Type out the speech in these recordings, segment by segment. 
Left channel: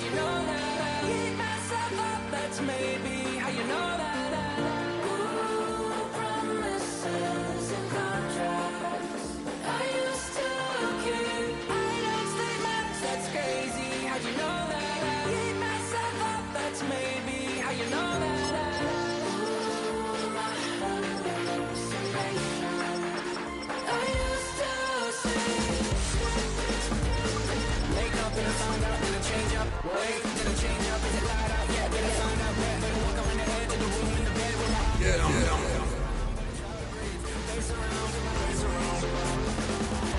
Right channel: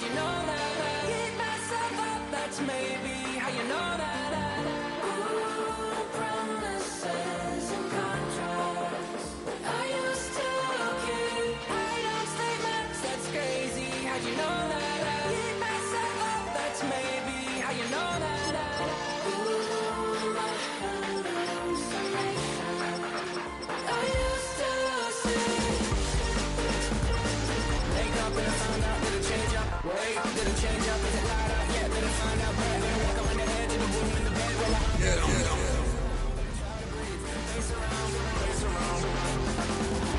how'd you know that? I keep myself up, that's maybe how you know that. Ooh, promises and contracts I used to keep. I don't statements, that's crazy, how'd you know that? I keep myself up, that's maybe how you know that. Wait, did it change up? Is it light out yet? Did it find out better? Better walk around the edge of the room in the bed where face around.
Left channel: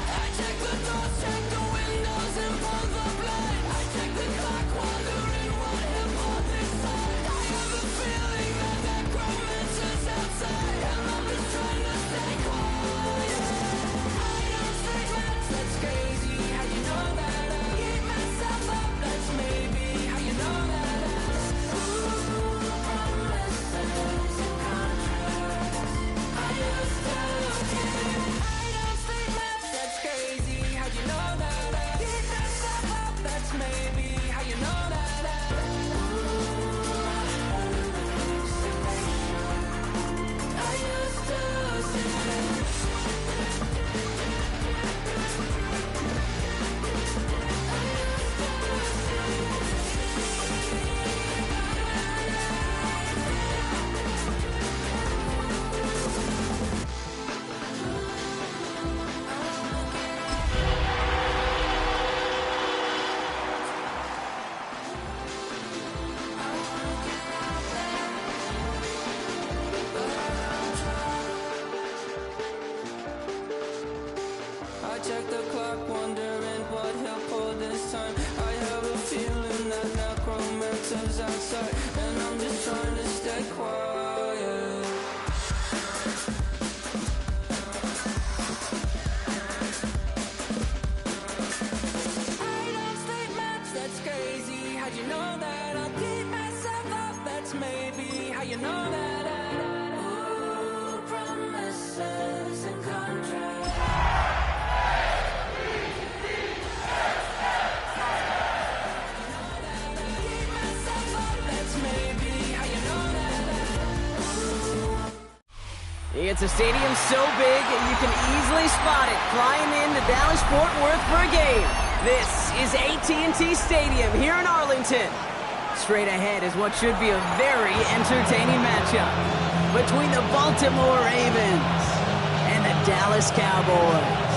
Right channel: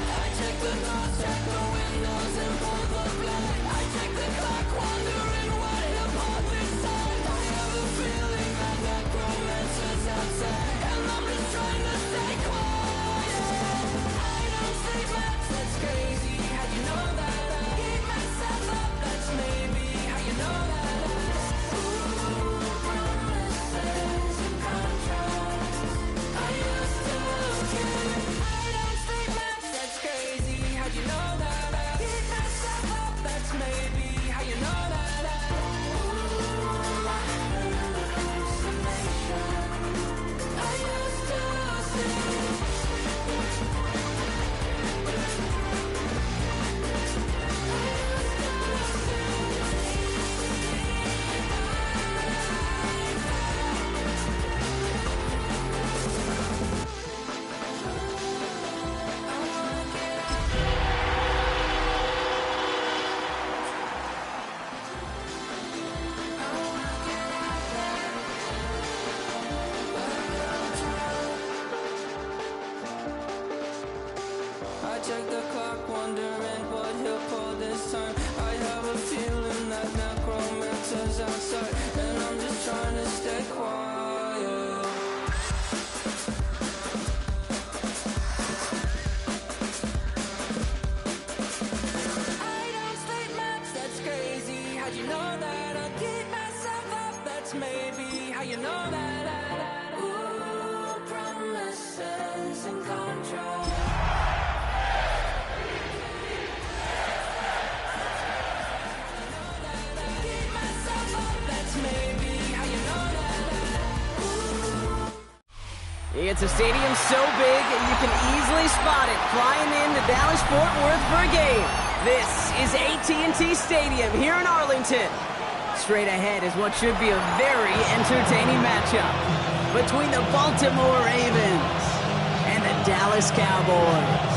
I check the doors, check the windows, and pull the blind. I check the clock, wondering what hip-hop inside. I have a feeling that necromancer's outside, and I'm just trying to stay quiet. I don't statements, that's crazy, how you know that? I keep myself up, that's maybe how you know that. Ooh, promises and contracts I used to keep. I don't statements, that's crazy, how'd you know that? I keep myself up, that's maybe how you know that. Ooh, I used to see. I check the clock, wondering what he'll pull this time. I have a feeling that necromancer's outside, and I'm just trying to stay quiet. I don't statements, that's crazy, how'd you know that? I'll keep myself up, that's maybe how you know that. Ooh, promises and contracts maybe how you know that. It's a stadium so big you can easily spot it flying into Dallas-Fort Worth for a game. This is AT&T Stadium here in Arlington. Straight ahead is what should be a very entertaining matchup between the Baltimore Ravens and the Dallas Cowboys.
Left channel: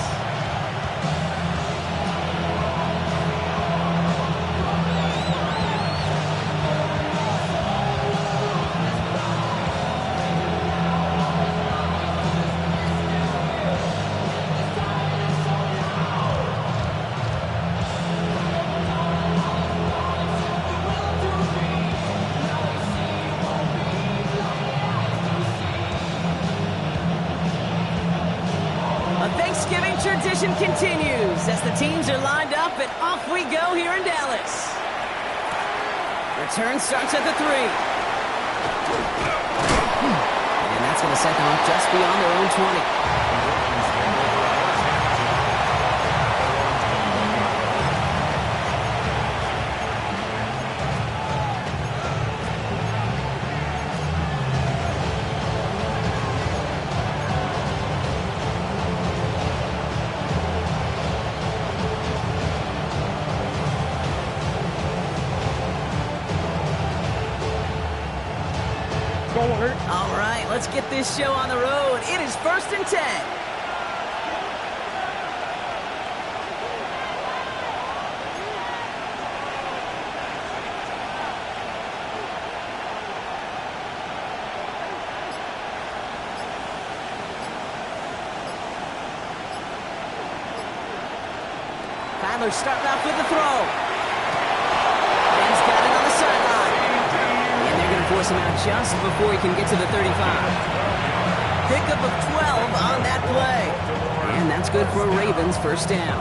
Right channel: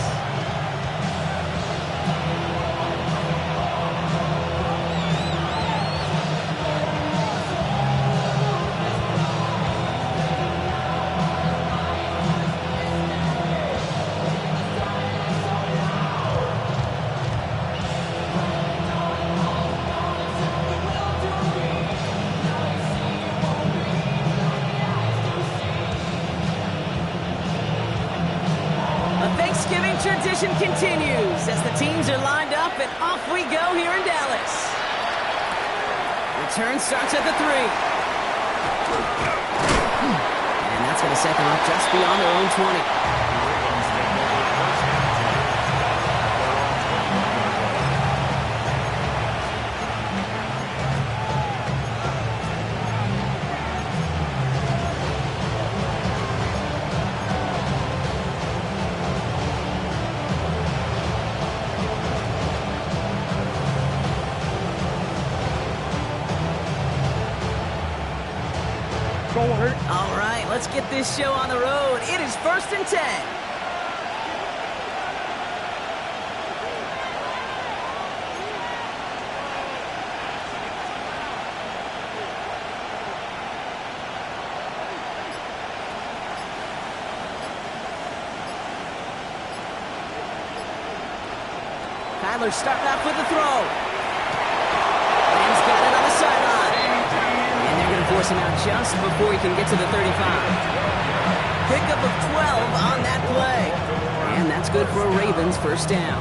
Thanksgiving tradition continues as the teams are lined up and off we go here in Dallas. Return starts at the 3. And that's going to set them up just beyond their own 20. All right, let's get this show on the road. It is 1st and 10. Kyler starting off with the throw. Rams got it on the sideline. And they're going to force him out just before he can get to the 35. Pickup of 12 on that play. And that's good for a Ravens first down.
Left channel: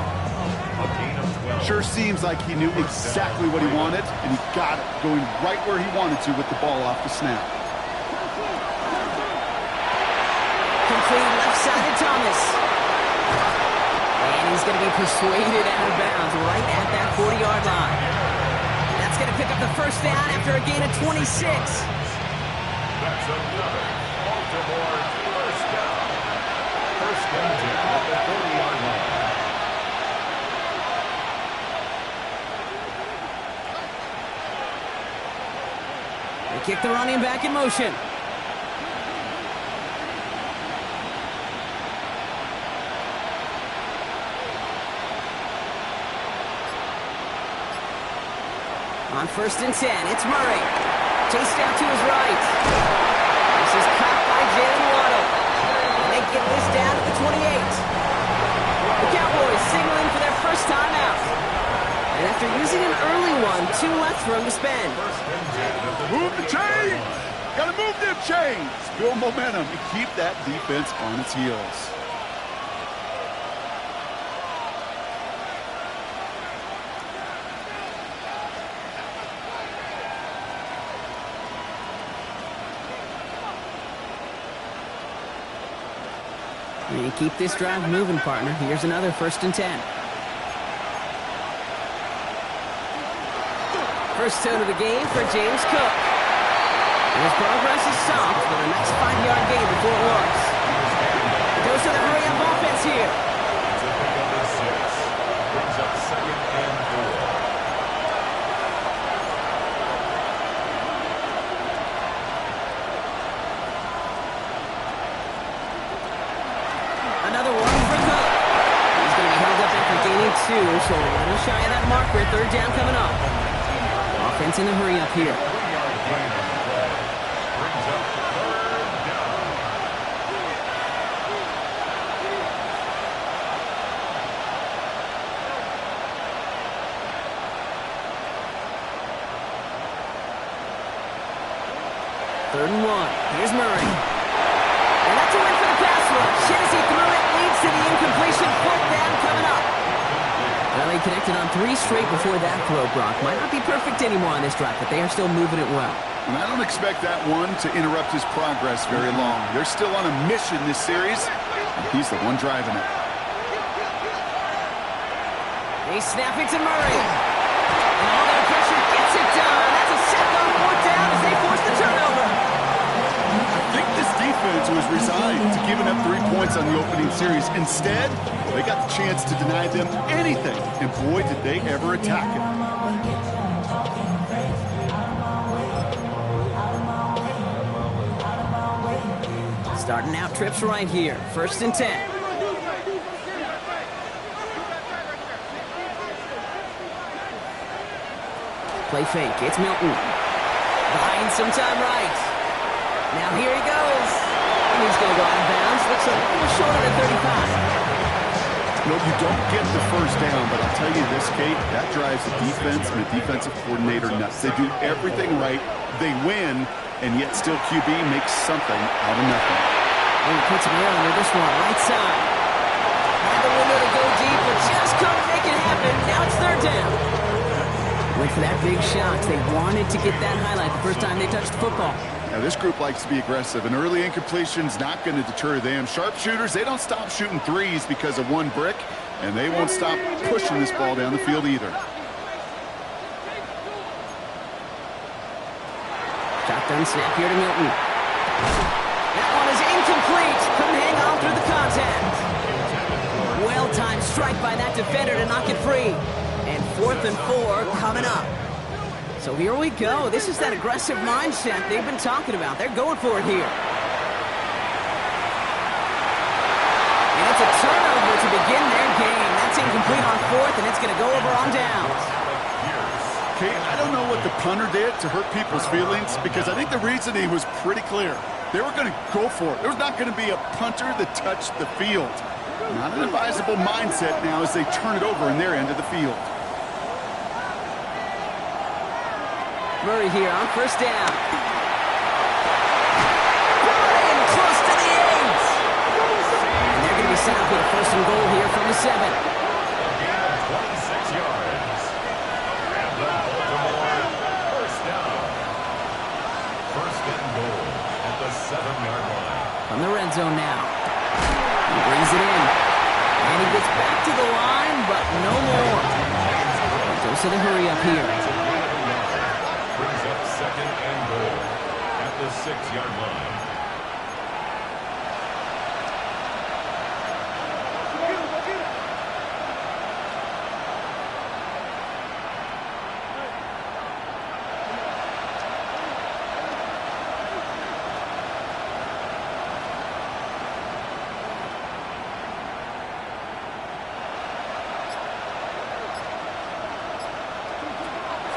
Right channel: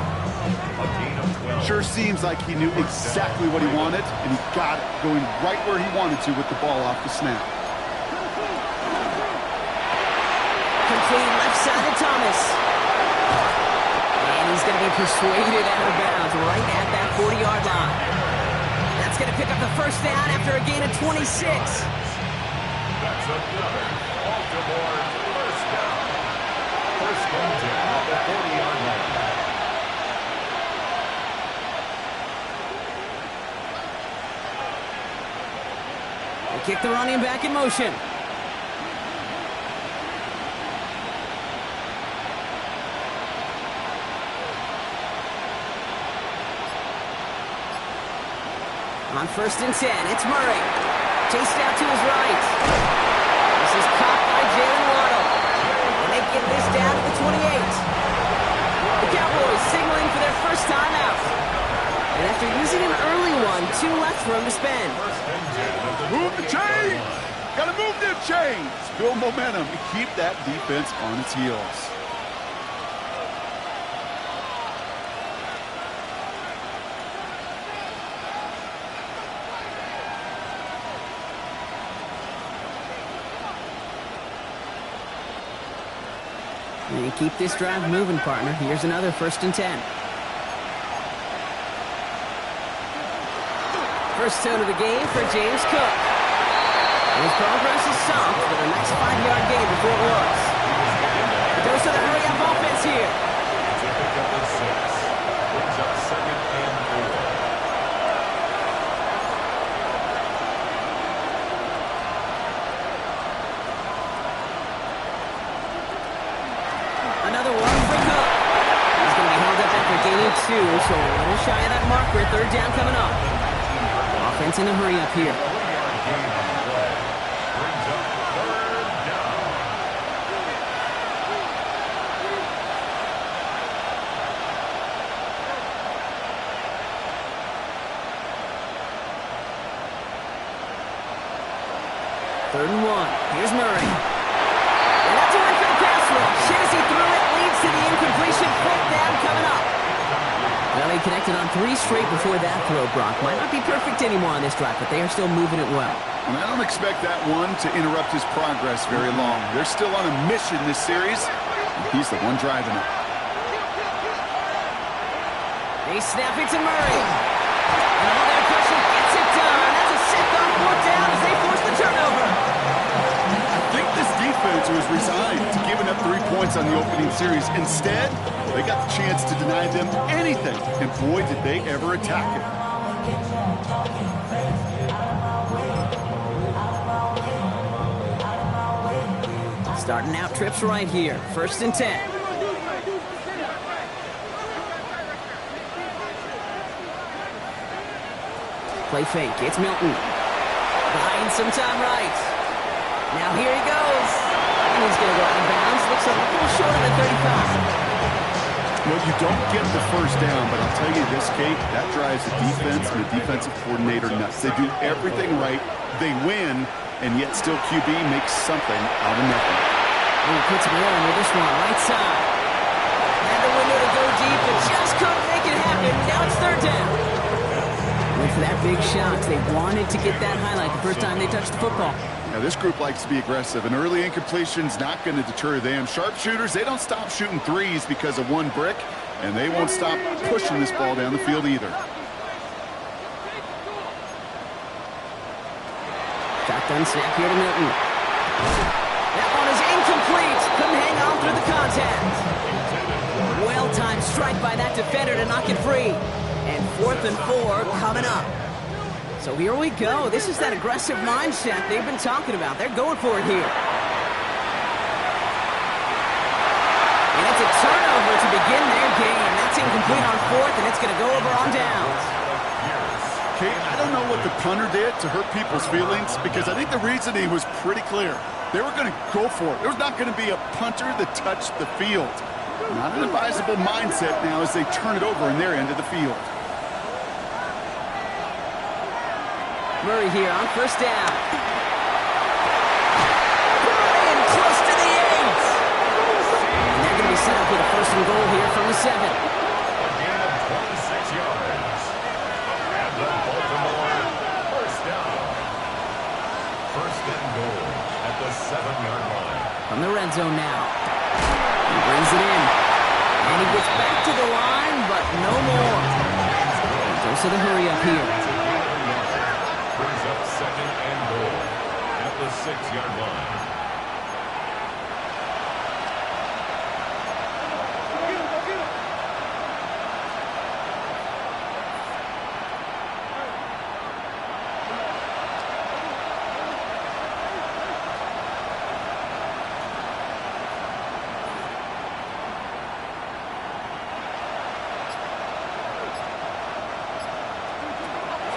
Sure seems like he knew exactly what he wanted, and he got it going right where he wanted to with the ball off the snap. Complete left-sided Thomas. And he's going to be persuaded out of bounds right at that 40-yard line. That's That's going to pick up the first down after a gain of 26. That's another Baltimore first down. First and 10 at the 40-yard line. They kick the running back in motion. On first and 10, it's Murray. Chased out to his right. This is caught by Jalen Waddle. And they get this down to the 28. The Cowboys signaling for their first time out. And after using an early one, 2 left for him to spend. Move the chains! Gotta move them chains! Build momentum and keep that defense on its heels. And keep this drive moving, partner. Here's another first and 10. First tone of the game for James Cook. And his progress is soft for the next 5-yard gain before it was. The dose of the hurry-up offense here. It's a pickup of 6. Brings up second and 4. Another one for Cook. He's going to be held up after gaining 2, so a little shy of that marker. Third down coming up. Offense in the hurry-up here. 3-yard gain on the play. Brings up third down. Third and 1. Here's Murray. And that's a win for the pass rush. Hit as he threw it, leads to the incompletion. Fourth down coming up. Well, they connected on 3 straight before that throw, Brock. Might not be perfect anymore on this drive, but they are still moving it well. And I don't expect that one to interrupt his progress very long. They're still on a mission this series, and he's the one driving it. They snap it to Murray. And all their pressure gets it done. That's a sack on 4th down as they force the turnover. I think this defense was resigned to giving up 3 points on the opening series. Instead, they got the chance to deny them anything, and boy, did they ever attack it. Starting out trips right here. First and 10. Play fake. It's Milton. Buying some time right. Now here he goes. And he's going to go out of bounds. Looks a little short of the 35. Well, you don't get the first down, but I'll tell you this, Kate, that drives the defense and the defensive coordinator nuts. They do everything right. They win, and yet still QB makes something out of nothing. And he puts him there under this one, right side. Had the window to go deep, but just couldn't make it happen. Now it's third down. Went for that big shot. They wanted to get that highlight the first time they touched the football. Now, this group likes to be aggressive. An early incompletion's not going to deter them. Sharpshooters, they don't stop shooting threes because of one brick, and they won't stop pushing this ball down the field either. Shotgun snap here to Milton. That one is incomplete. Couldn't hang on through the contact. Well-timed strike by that defender to knock it free. And 4th and 4 coming up. So here we go. This is that aggressive mindset they've been talking about. They're going for it here. And it's a turnover to begin their game. That's incomplete on 4th, and it's going to go over on downs. Kate, I don't know what the punter did to hurt people's feelings, because I think the reasoning was pretty clear. They were going to go for it. There's not going to be a punter that touched the field. Not an advisable mindset now as they turn it over in their end of the field. Murray here on first down. Brought in close to the 8. And they're going to be set up with a first and goal here from the 7. A gain of 26 yards. And the Baltimore first down. First and goal at the 7-yard line. From the red zone now. He brings it in. And he gets back to the line, but no more. Dose of the hurry up here. 36-yard line.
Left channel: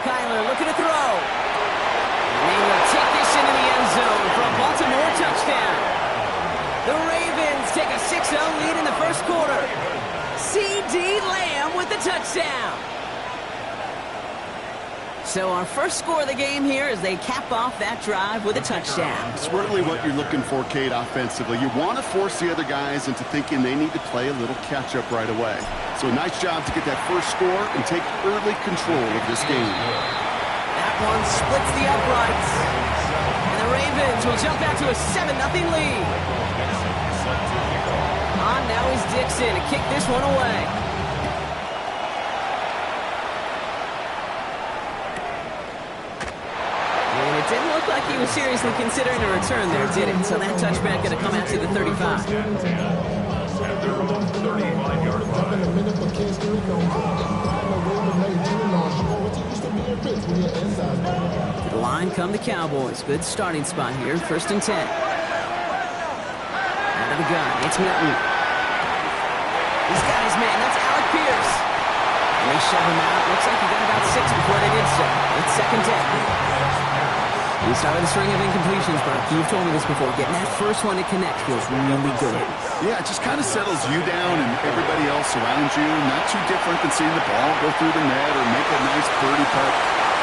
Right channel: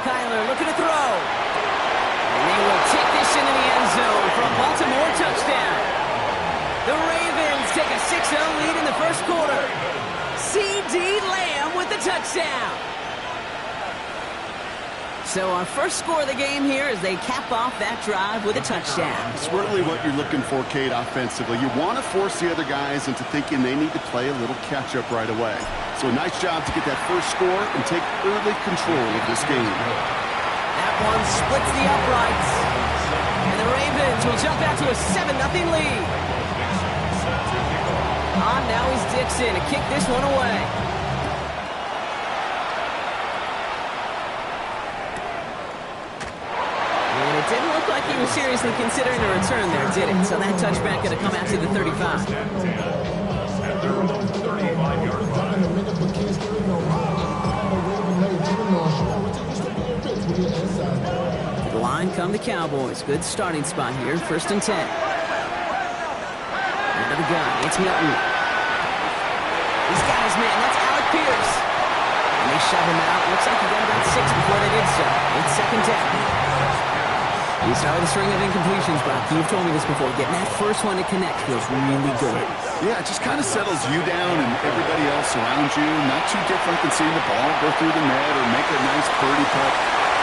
Kyler looking to throw. And they will take this into the end zone for a Baltimore touchdown. The Ravens take a 6-0 lead in the first quarter. C.D. Lamb with the touchdown. So our first score of the game here as they cap off that drive with a touchdown. It's really what you're looking for, Kate, offensively. You want to force the other guys into thinking they need to play a little catch-up right away. So a nice job to get that first score and take early control of this game. That one splits the uprights. And the Ravens will jump out to a 7-0 lead. On now is Dixon to kick this one away. And it didn't look like he was seriously considering a return there, did it? So that touchback going to come out to the 35. At their own 35-yard line. To the line come the Cowboys. Good starting spot here. 1st and 10. Out of the gun. It's Milton. He's got his man. That's Alec Pierce. And they shove him out. Looks like he got about 6 before they did so. It's 2nd down. You start with a string of incompletions, Brock. You've told me this before. Getting that first one to connect feels really good. Yeah, it just kind of settles you down and everybody else around you. Not too different than seeing the ball go through the net or make a nice birdie putt.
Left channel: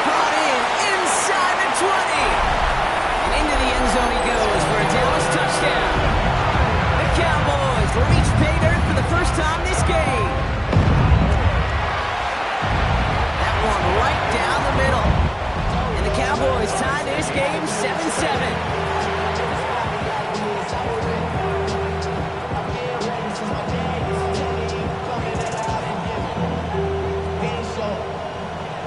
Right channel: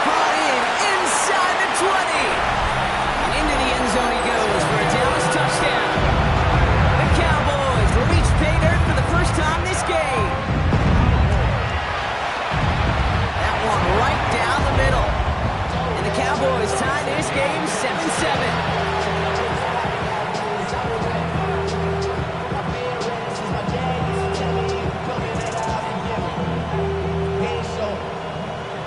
Caught in inside the 20. And into the end zone he goes for a Dallas touchdown. The Cowboys reach pay dirt for the first time this game. That one right down the middle. And the Cowboys tie this game 7-7.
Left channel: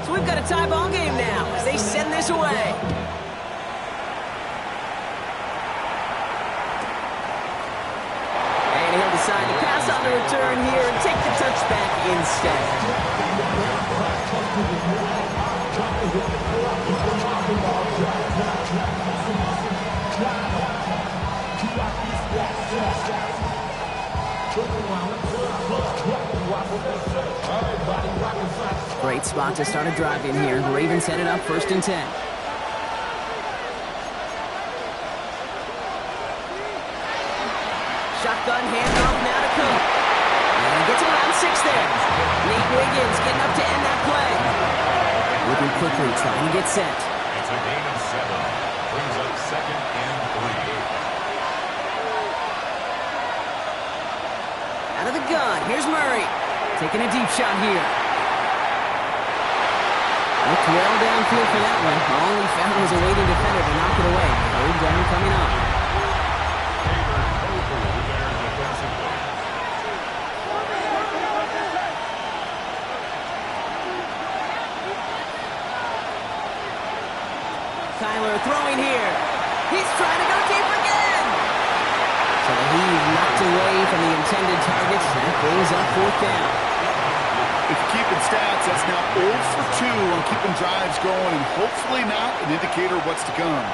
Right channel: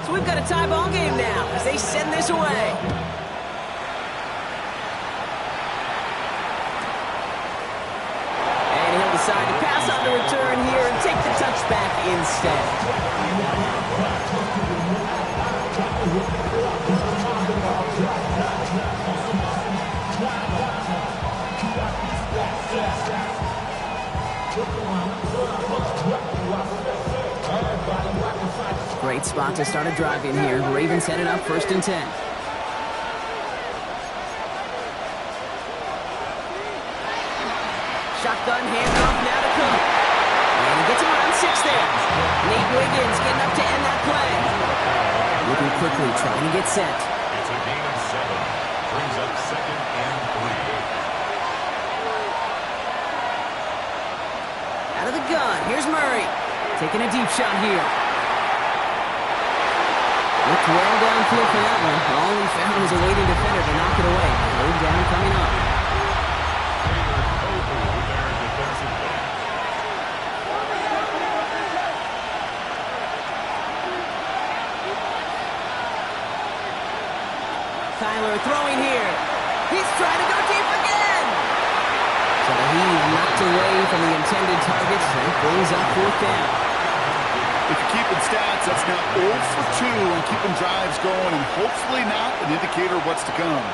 So we've got a tie ball game now as they send this away. And he'll decide to pass on the return here and take the touchback instead. Great spot to start a drive in here. Ravens headed up 1st and 10. Shotgun handoff now to Cook. And he gets him around 6 there. Nate Wiggins getting up to end that play. Looking quickly, trying to get set. It's a gain of 7. Brings up 2nd and 3. Out of the gun, here's Murray. Taking a deep shot here. Looked well downfield for that one. All he found was a waiting defender to knock it away. 3rd down coming up. Taylor Kohu there defensively. Kyler throwing here. He's trying to go deep again. So the heave knocked away from the intended targets. That brings up 4th down. If you're keeping stats, that's now 0 for 2 on keeping drives going and hopefully not an indicator of what's to come.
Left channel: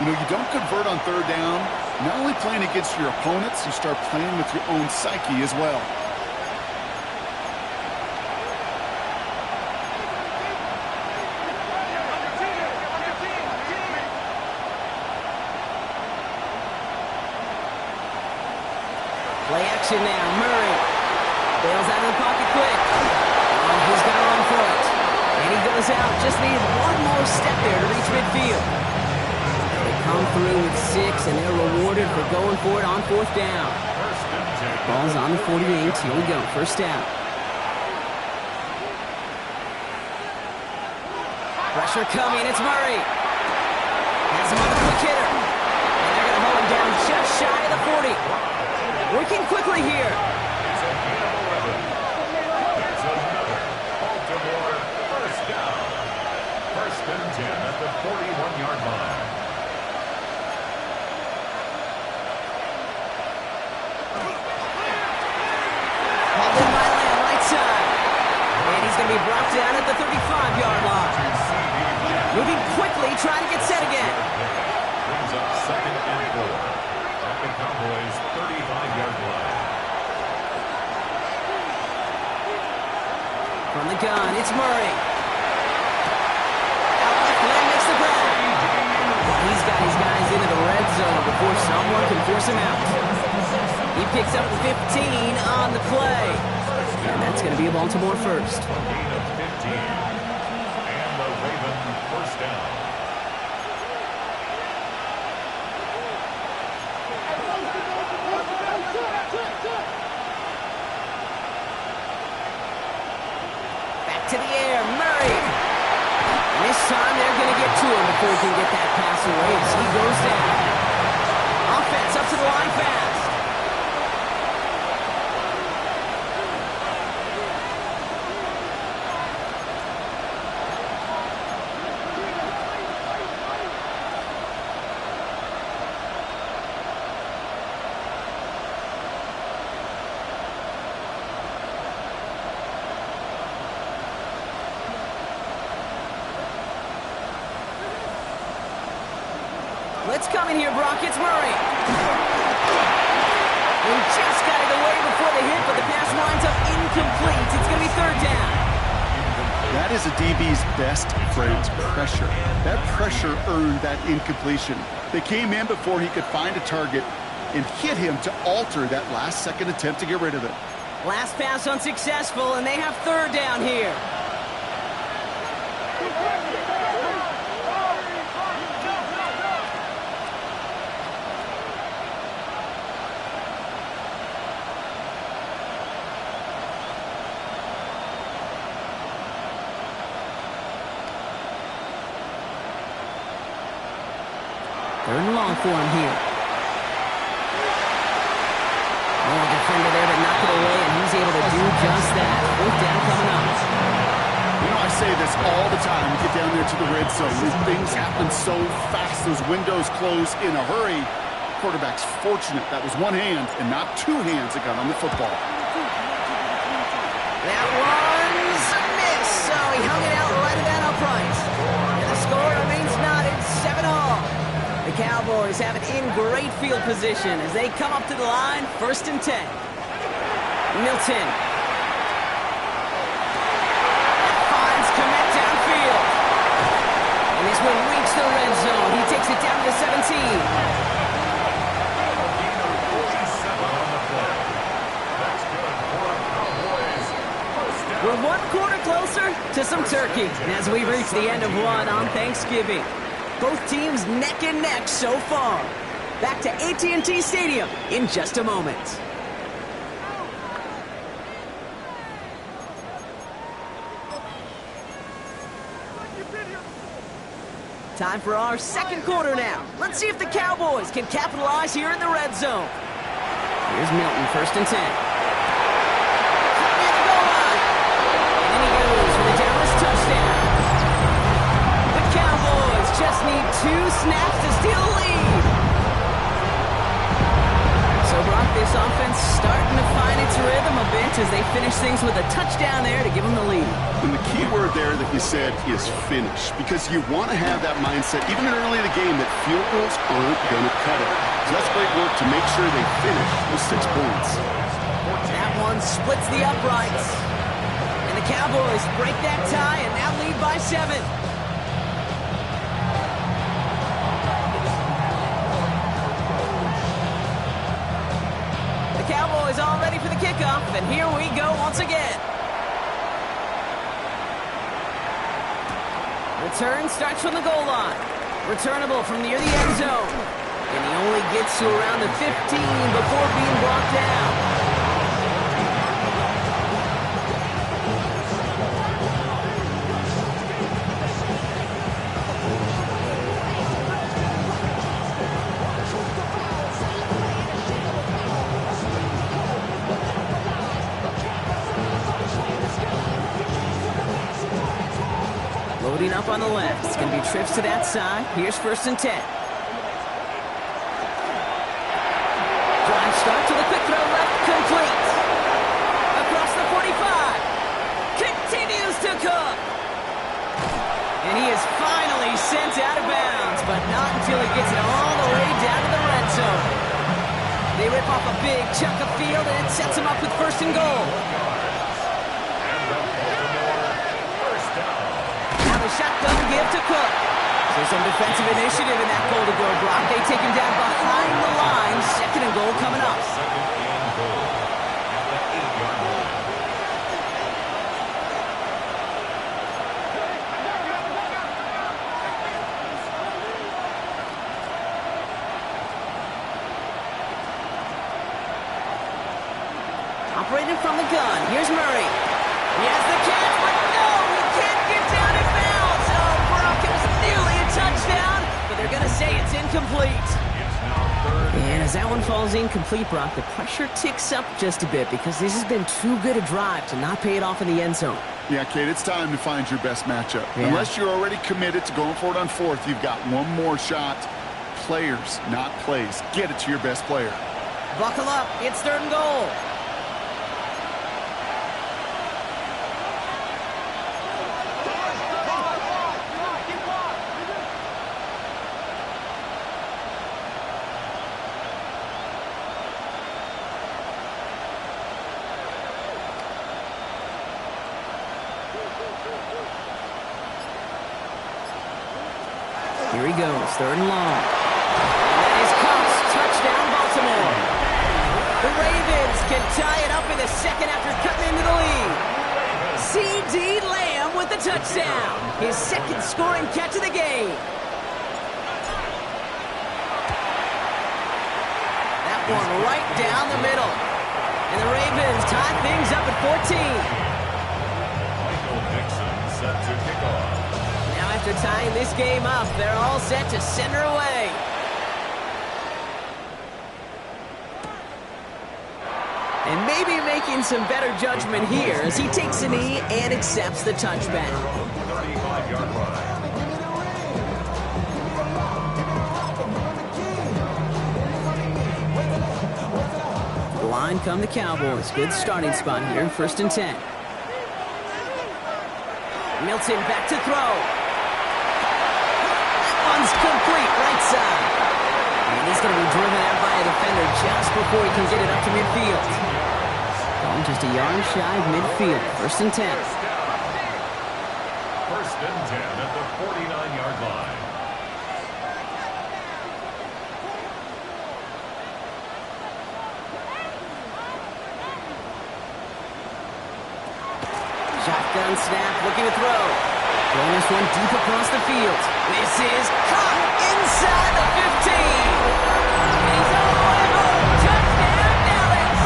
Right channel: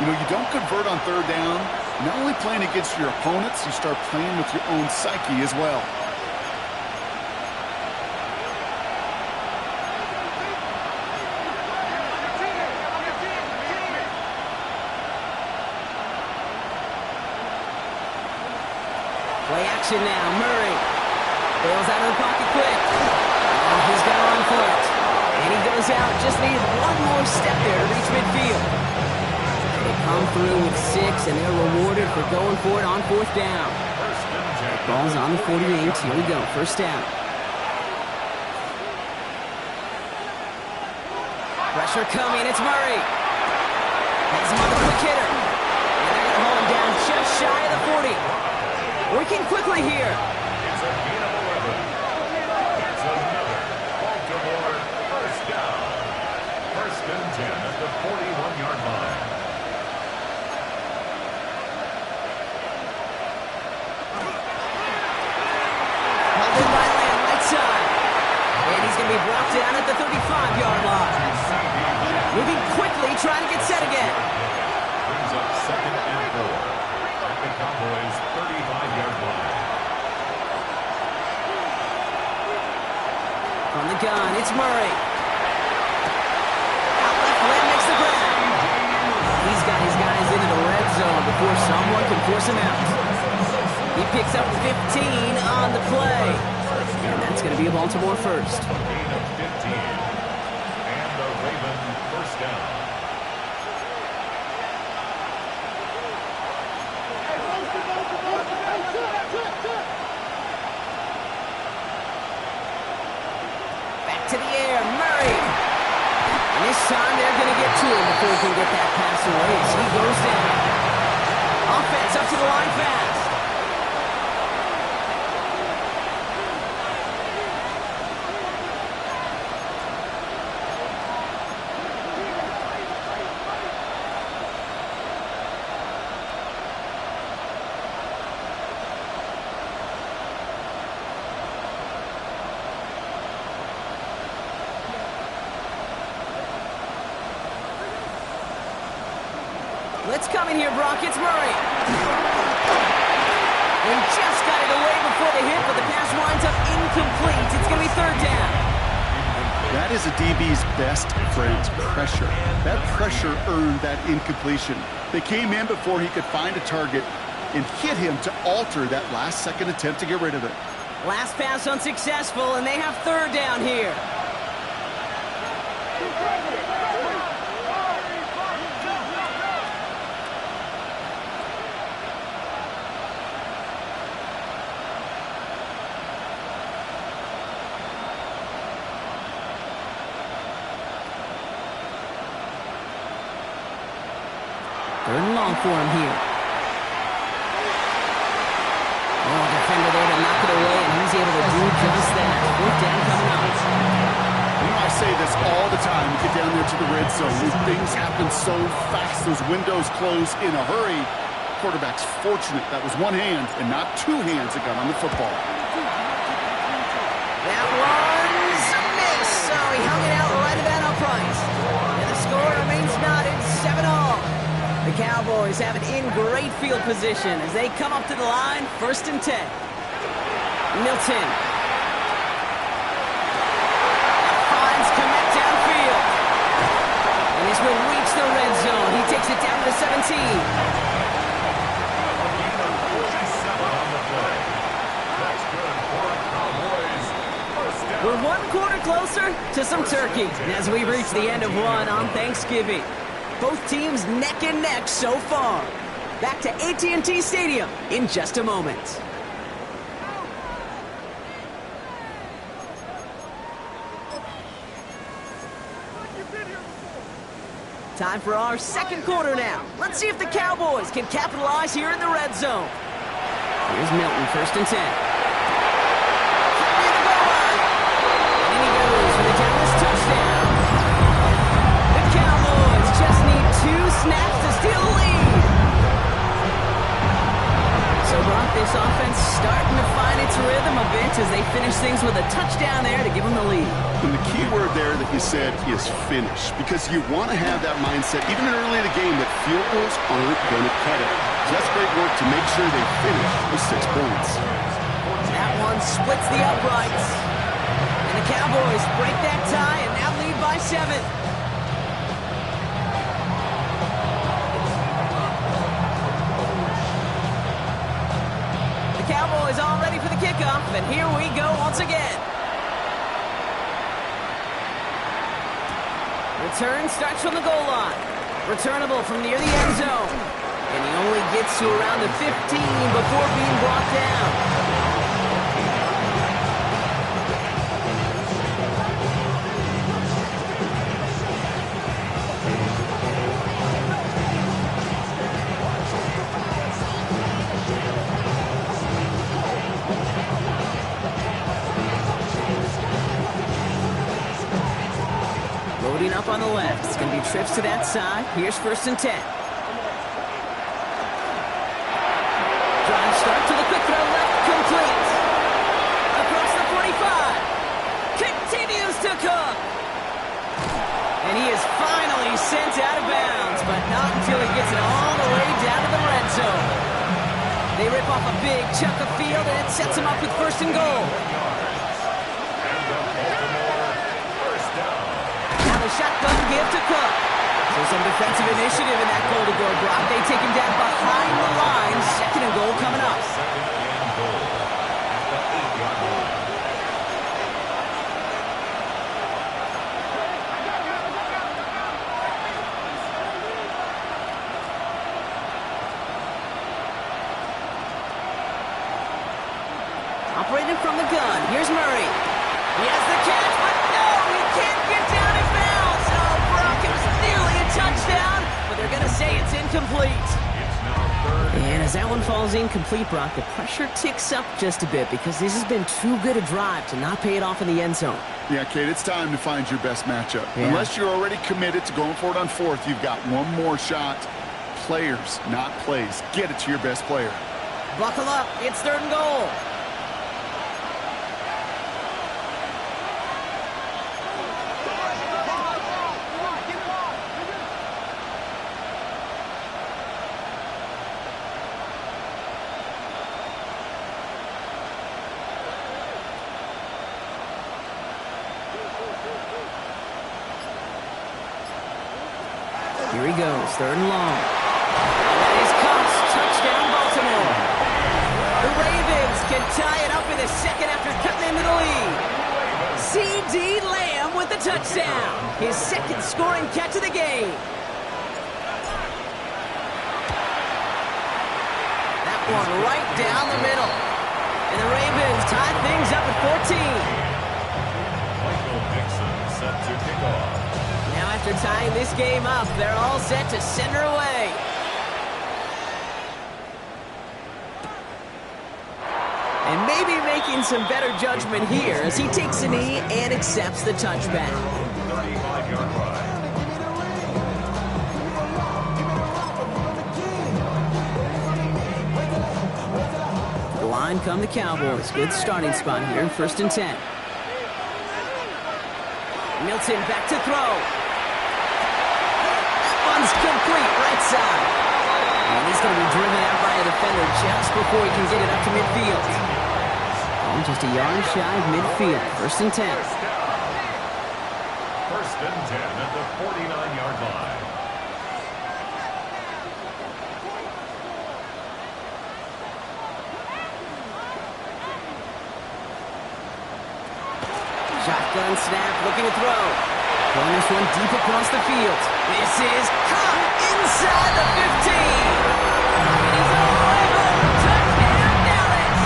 You know, you don't convert on 3rd down. Not only playing against your opponents, you start playing with your own psyche as well. Play action now. Murray bails out of the pocket quick. Oh, he's going to run for it. And he goes out. Just needed one more step there to reach midfield. They come through with 6, and they're rewarded for going for it on 4th down. Ball's on the 48. Here we go. 1st down. Pressure coming. It's Murray. Has him on the quick hitter. And they're going to hold him down just shy of the 40. Working quickly here. It's a gain of 11. It's another Baltimore 1st down. 1st and 10 at the 41-yard line. he's going to be brought down at the 35-yard line. Moving quickly, trying to get set again. Brings up 2nd and 4 at the Cowboys' 35-yard line. From the gun, it's Murray. Out left, Lamb makes the grab. He's got his guys into the red zone before someone can force him out. He picks up 15 on the play. And that's going to be a Baltimore first. Gain of 15. And the Raven first down. Back to the air, Murray. And this time they're going to get to him before he can get that pass away as he goes down. Offense up to the line fast. Let's come in here, Brock. It's Murray. He just got it away before the hit, but the pass winds up incomplete. It's going to be 3rd down. That is a DB's best friend, pressure. That pressure earned that incompletion. They came in before he could find a target and hit him to alter that last-second attempt to get rid of it. Last pass unsuccessful, and they have 3rd down here. Third and long for him here. Oh, defender there to knock it away, and he's able to do just that. 4th down coming up. You know, I say this all the time. You get down there to the red zone. These things happen so fast. Those windows close in a hurry. Quarterback's fortunate that was one hand and not two hands that got on the football. That one's a miss. So he hung it out right at that upright. And the score remains knotted 7-all. The Cowboys have it in great field position as they come up to the line, 1st and 10. Milton. Finds Kmet downfield. And this will reach the red zone. He takes it down to the 17. A gain of 47 on the play. That's good for Cowboys. First down. We're 1 quarter closer to some turkey as we reach the end of one on Thanksgiving. Both teams neck and neck so far. Back to AT&T Stadium in just a moment. Time for our 2nd quarter now. Let's see if the Cowboys can capitalize here in the red zone. Here's Milton, 1st and 10. Near the goal line. And in he goes for the Dallas touchdown. The Cowboys just need 2 snaps to steal the lead. So, Brock, this offense starting to find its rhythm a bit as they finish things with a touchdown there to give them the lead. And the key word there that you said is finish, because you want to have that mindset, even early in the game, that field goals aren't going to cut it. So that's great work to make sure they finish those 6 points. That one splits the uprights. And the Cowboys break that tie and now lead by 7. The Cowboys all ready for the kickoff, and here we go once again. Return starts from the goal line. Returnable from near the end zone. And he only gets to around the 15 before being brought down. Loading up on the left. It's going to be trips to that side. Here's 1st and 10. Drive start to the quick throw left, complete. Across the 45. Continues Cook. And he is finally sent out of bounds, but not until he gets it all the way down to the red zone. They rip off a big chunk of field, and it sets them up with first and goal. And the Baltimore first down. Now the shotgun give to Cook. So some defensive initiative in that goal to go, Brock. They take him down behind the line. Second and goal coming up. Second and goal at the 8-yard line. Operating from the gun. Here's Murray. He has the catch, but no, he can't get down in bounds. Oh, Brock, it was nearly a touchdown, but they're going to say it's incomplete. It's now third. And as that one falls incomplete, Brock, the pressure ticks up just a bit because this has been too good a drive to not pay it off in the end zone. Yeah, Kate, it's time to find your best matchup. Yeah. Unless you're already committed to going for it on fourth, you've got one more shot. Players, not plays. Get it to your best player. Buckle up. It's third and goal. Here he goes, third and long. And that is Cox, touchdown Baltimore. The Ravens can tie it up in the second after cutting into the lead. C.D. Lamb with the touchdown. His second scoring catch of the game. That one right down the middle. And the Ravens tie things up at 14. Michael Dixon set to kick off. Now after tying this game up, they're all set to send her away. And maybe making some better judgment here as he takes a knee and accepts the touchback. 35-yard line. The line come the Cowboys. Good starting spot here, first and 10. Milton back to throw. One's complete, right side. And he's going to be driven out by a defender just before he can get it up to midfield. Oh, just a yard shy of midfield. First and 10. First and 10 at the 49-yard line. Shotgun snap, looking to throw. Throwing this one deep across the field. This is caught inside the 15. And he's all the way home. Touchdown, Dallas.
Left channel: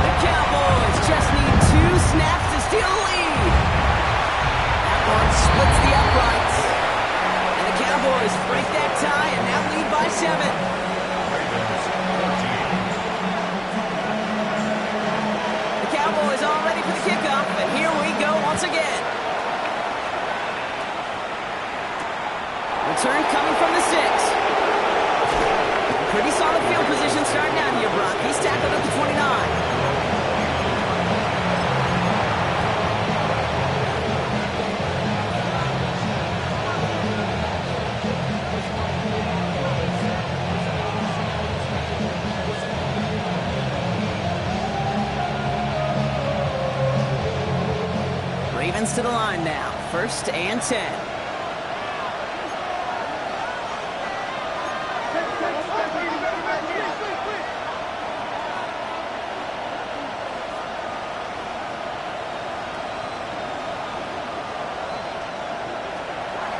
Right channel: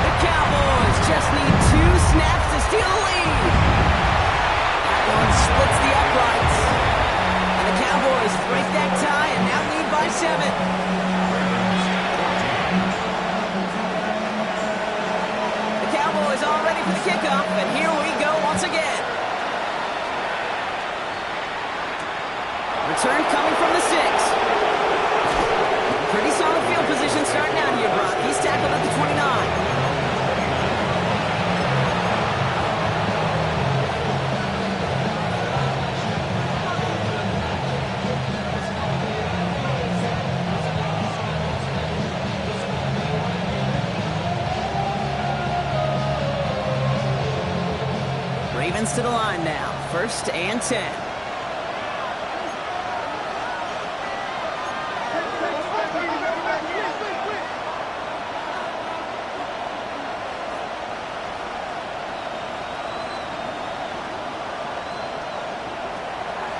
The Cowboys just need 2 snaps to steal the lead. That one splits the uprights. And the Cowboys break that tie and now lead by 7. Ravens 14. The Cowboys all ready for the kickoff, and here we go once again. Return coming from the 6. Pretty solid field position starting out here, Brock. He's tackled at the 29. Ravens to the line now. First and 10.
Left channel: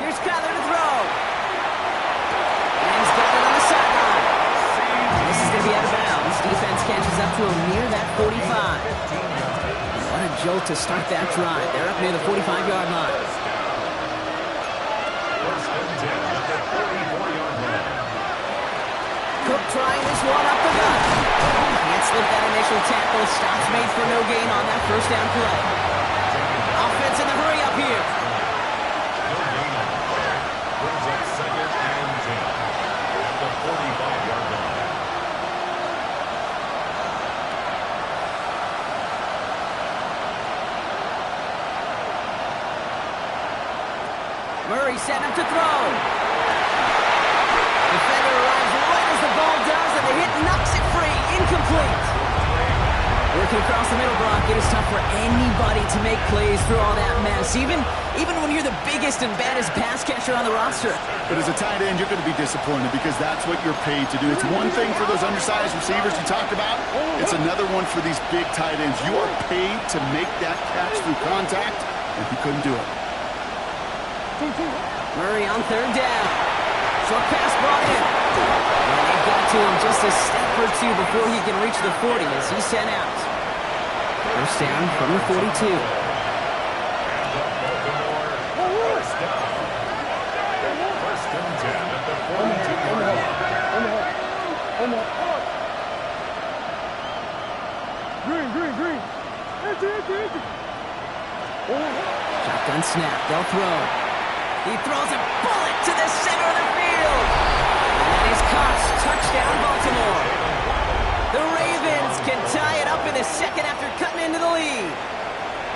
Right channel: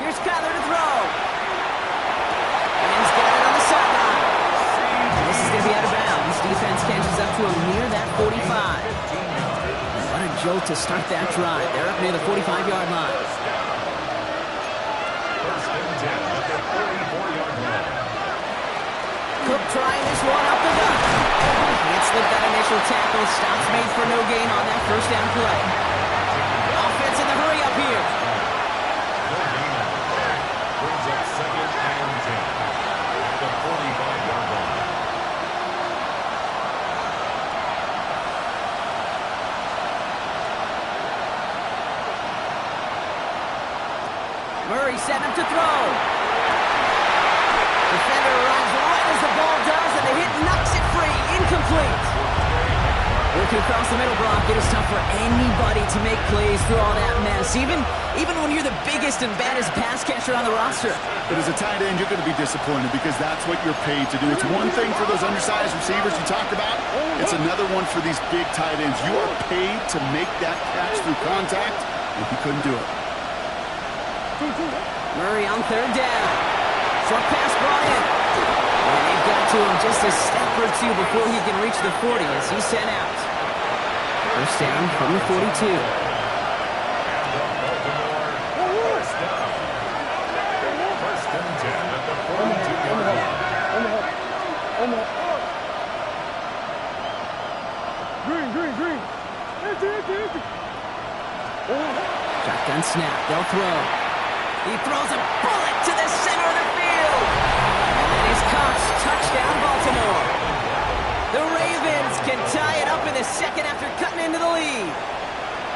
Here's Kyler to throw. Lamb's got it on the sideline. This is going to be out of bounds. Defense catches up to him near that 45. What a jolt to start that drive. They're up near the 45-yard line. First and 10 at the 44-yard line. Cook trying this one up the gut. Can't slip that initial tackle. Stops made for no gain on that first down play. Offense in the hurry up here. No gain on the play. Brings up second and 10 at the 45-yard line. Murray setting up to throw. Defender arrives right as the ball does, and the hit knocks it free. Incomplete. Working across the middle, Brock, it is tough for anybody to make plays through all that mess, even when you're the biggest and baddest pass catcher on the roster. But as a tight end, you're going to be disappointed because that's what you're paid to do. It's one thing for those undersized receivers you talk about. It's another one for these big tight ends. You are paid to make that catch through contact, and he couldn't do it. Murray on third down. Short pass brought in. And they've got to him just a step or two before he can reach the 40 as he's sent out. First down from the 42. And the Baltimore first down. First and 10 at the 42-yard line. Green. Shotgun snap. They'll throw. He throws a bullet to the center of the field. And that is caught. Touchdown, Baltimore. The Ravens can tie it up in the second after cutting into the lead.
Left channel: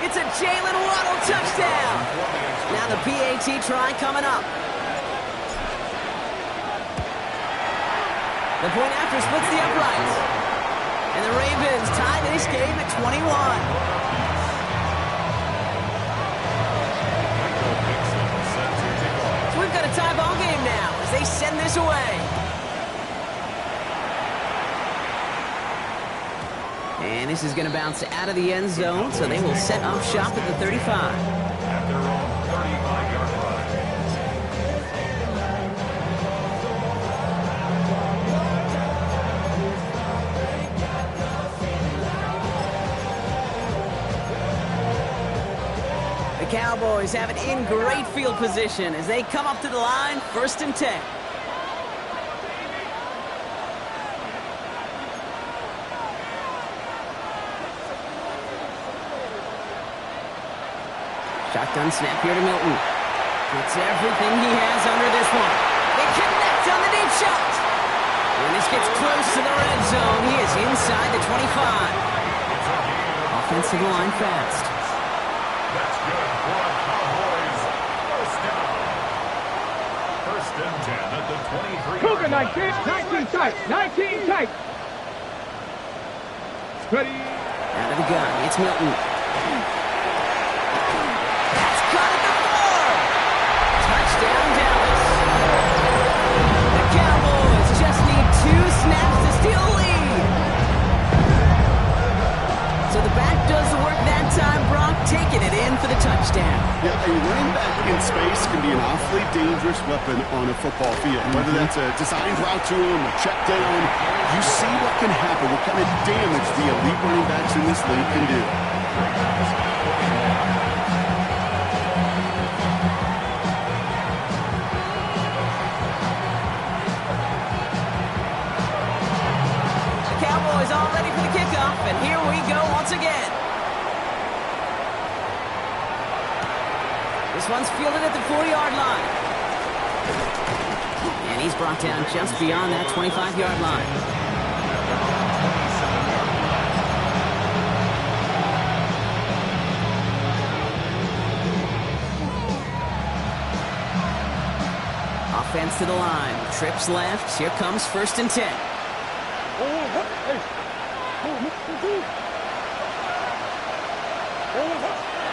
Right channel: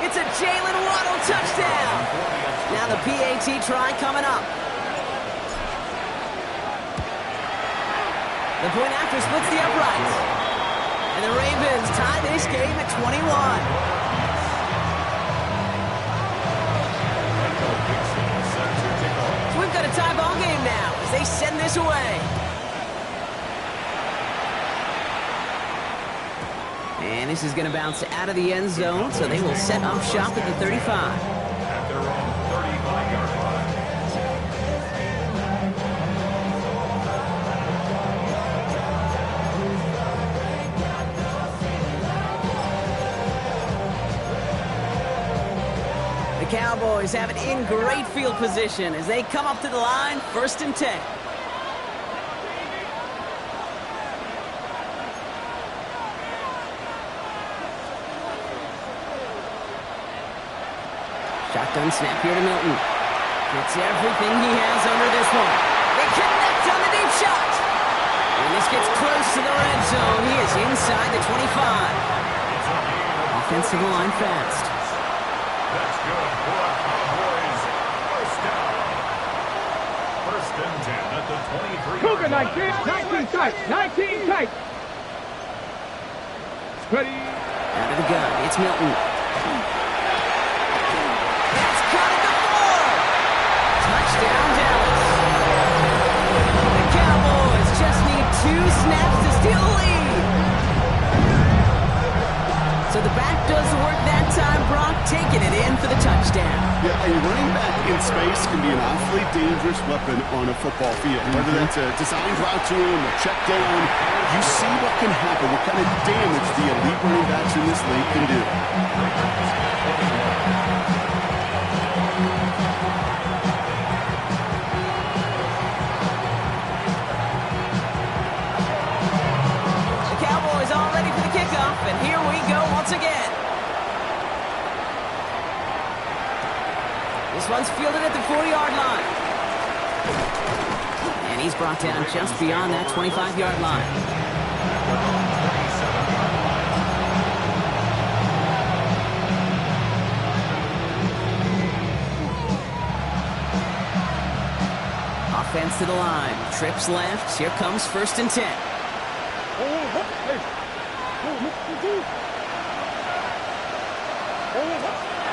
It's a Jalen Waddle touchdown. Now the PAT try coming up. The point after splits the uprights. And the Ravens tie this game at 21. So we've got a tie ball game now as they send this away. And this is going to bounce out of the end zone, so they will set up shop at the 35. At their own 35-yard line. The Cowboys have it in great field position as they come up to the line, first and 10. Shotgun snap here to Milton. Gets everything he has under this one. They connect on the deep shot. And this gets close to the red zone. He is inside the 25. Offensive line fast. That's good for a Cowboys first down. First and 10 at the 23-yard line. 19 tight. Ready. Out of the gun, it's Milton. That's caught at the 4. Touchdown, Dallas. The Cowboys just need 2 snaps to steal the lead. So the back does the work that time, Brock, taking it in for the touchdown. Yeah, a running back in space can be an awfully dangerous weapon on a football field. Whether that's a designed route to him, a check down, you see what can happen, what kind of damage the elite running backs in this league can do. The Cowboys all ready for the kickoff, and here we go once again. This one's fielded at the 4-yard line. And he's brought down just beyond that 25-yard line. Offense to the line. Trips left. Here comes first and 10.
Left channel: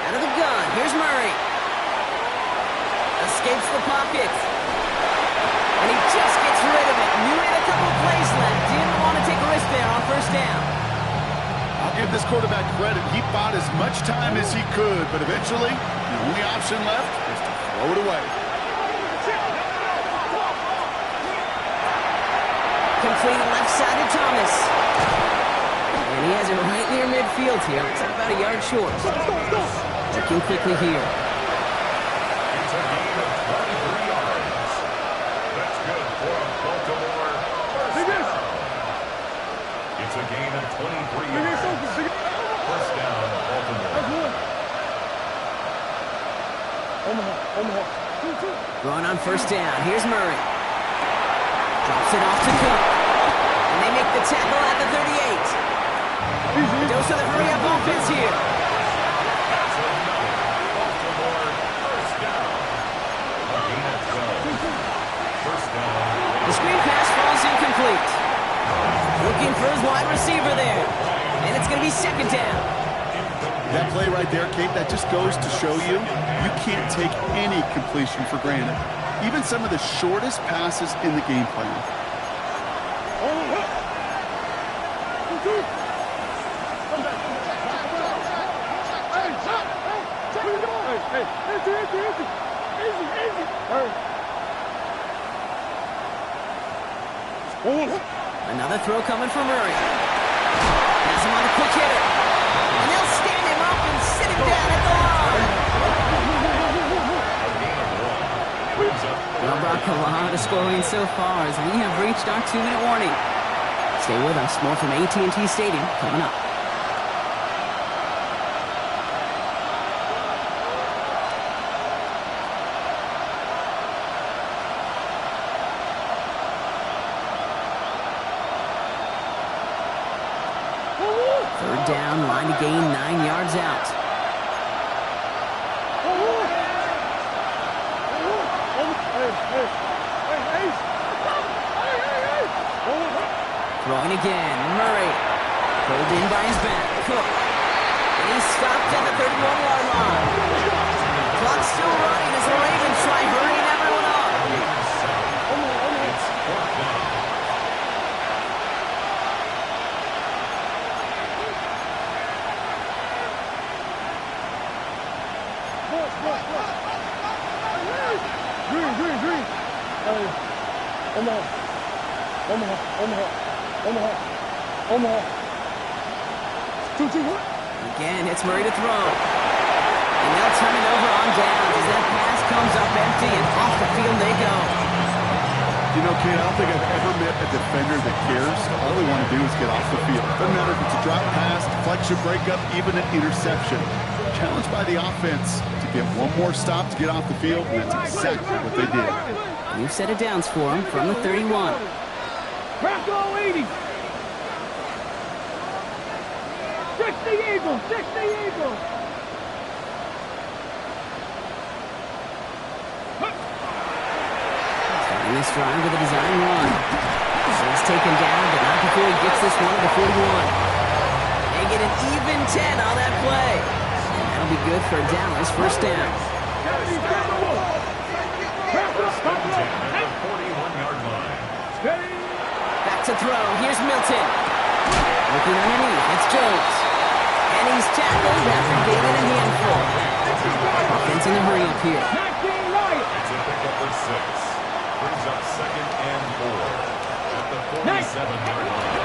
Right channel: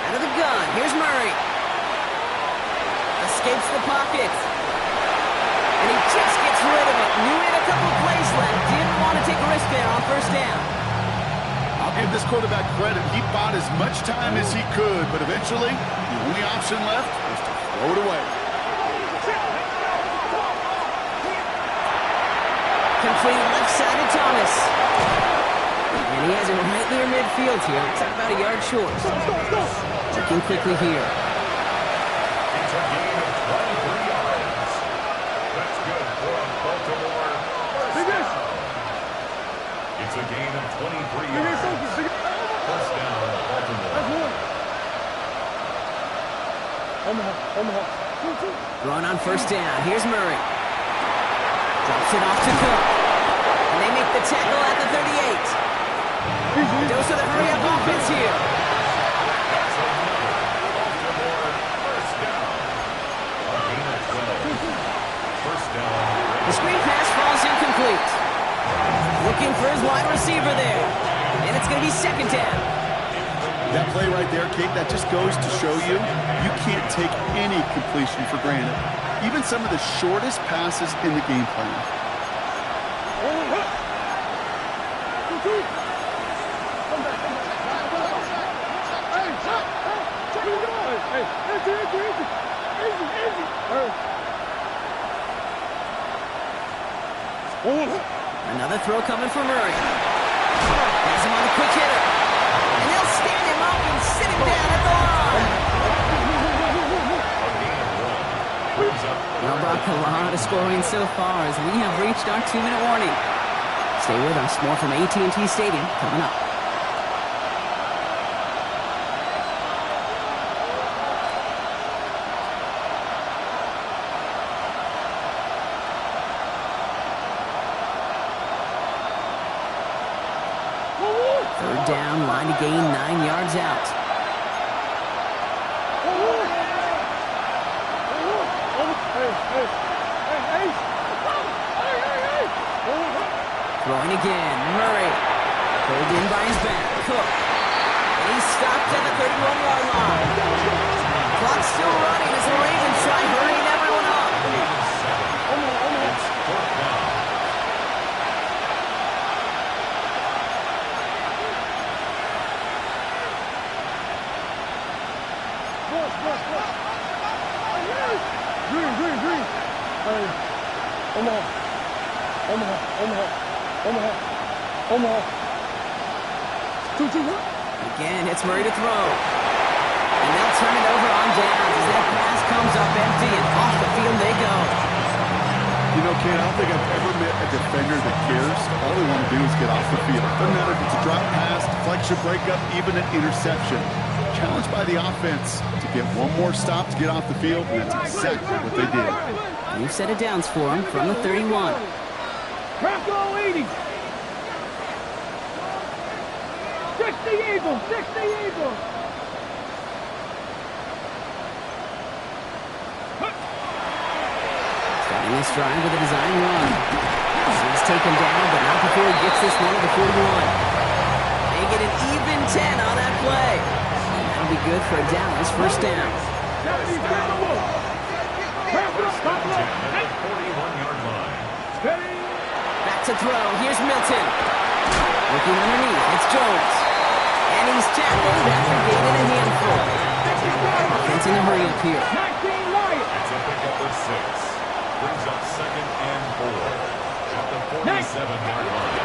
Out of the gun. Here's Murray. Escapes the pocket. And he just gets rid of it. Knew he had a couple of plays left. Didn't want to take a risk there on first down. I'll give this quarterback credit. He bought as much time as he could, but eventually, the only option left was to throw it away. Complete left side to Thomas. And he has it right near midfield here. Looks like about a yard short. Looking quickly here. It's a gain of 23 yards. That's good for a Baltimore first down. It's a gain of 23 yards. First down, Baltimore. Going on first down. Here's Murray. Drops it off to Cook. And they make the tackle at the 38. Dose of the hurry-up offense here. That's another Baltimore first down. The screen pass falls incomplete. Looking for his wide receiver there. And it's going to be second down. That play right there, Kate, that just goes to show you, you can't take any completion for granted. Even some of the shortest passes in the game plan. Another throw coming from Murray. Has him on a quick hitter. And they'll stand him up and sit him down at the line. Well, Brock, a lot of scoring so far as we have reached our 2-minute warning. Stay with us. More from AT&T Stadium coming up. Third down, line to gain 9 yards out. Throwing again, Murray. Pulled in by his back, Cook. And he's stopped at the 31-yard line. Clock's still running as the Ravens try hurrying everyone up. It's fourth down. Green. Hey, Omaha. 2-1. Again, it's Murray to throw. And they'll turn it over on downs as that pass comes up empty and off the field they go. You know, Kate, I don't think I've ever met a defender that cares. All they want to do is get off the field. Doesn't matter if it's a drop pass, deflection, breakup, even an interception. Challenged by the offense to get one more stop to get off the field, and that's exactly what they did. New set of downs for him from the 31. Bronco 80. 60 Eagles. Starting this drive with a design run. He's taken down, but not before he gets this one to the 41. They get an even 10 on that play. And that'll be good for Dallas first down. First and 10 at the 41-yard line. Back to throw. Here's Milton. Looking underneath. It's Jones. And he's tackled after gaining a handful. Offense in a hurry up here. It's a pickup of 6. Brings up second and 4 at the 47-yard line.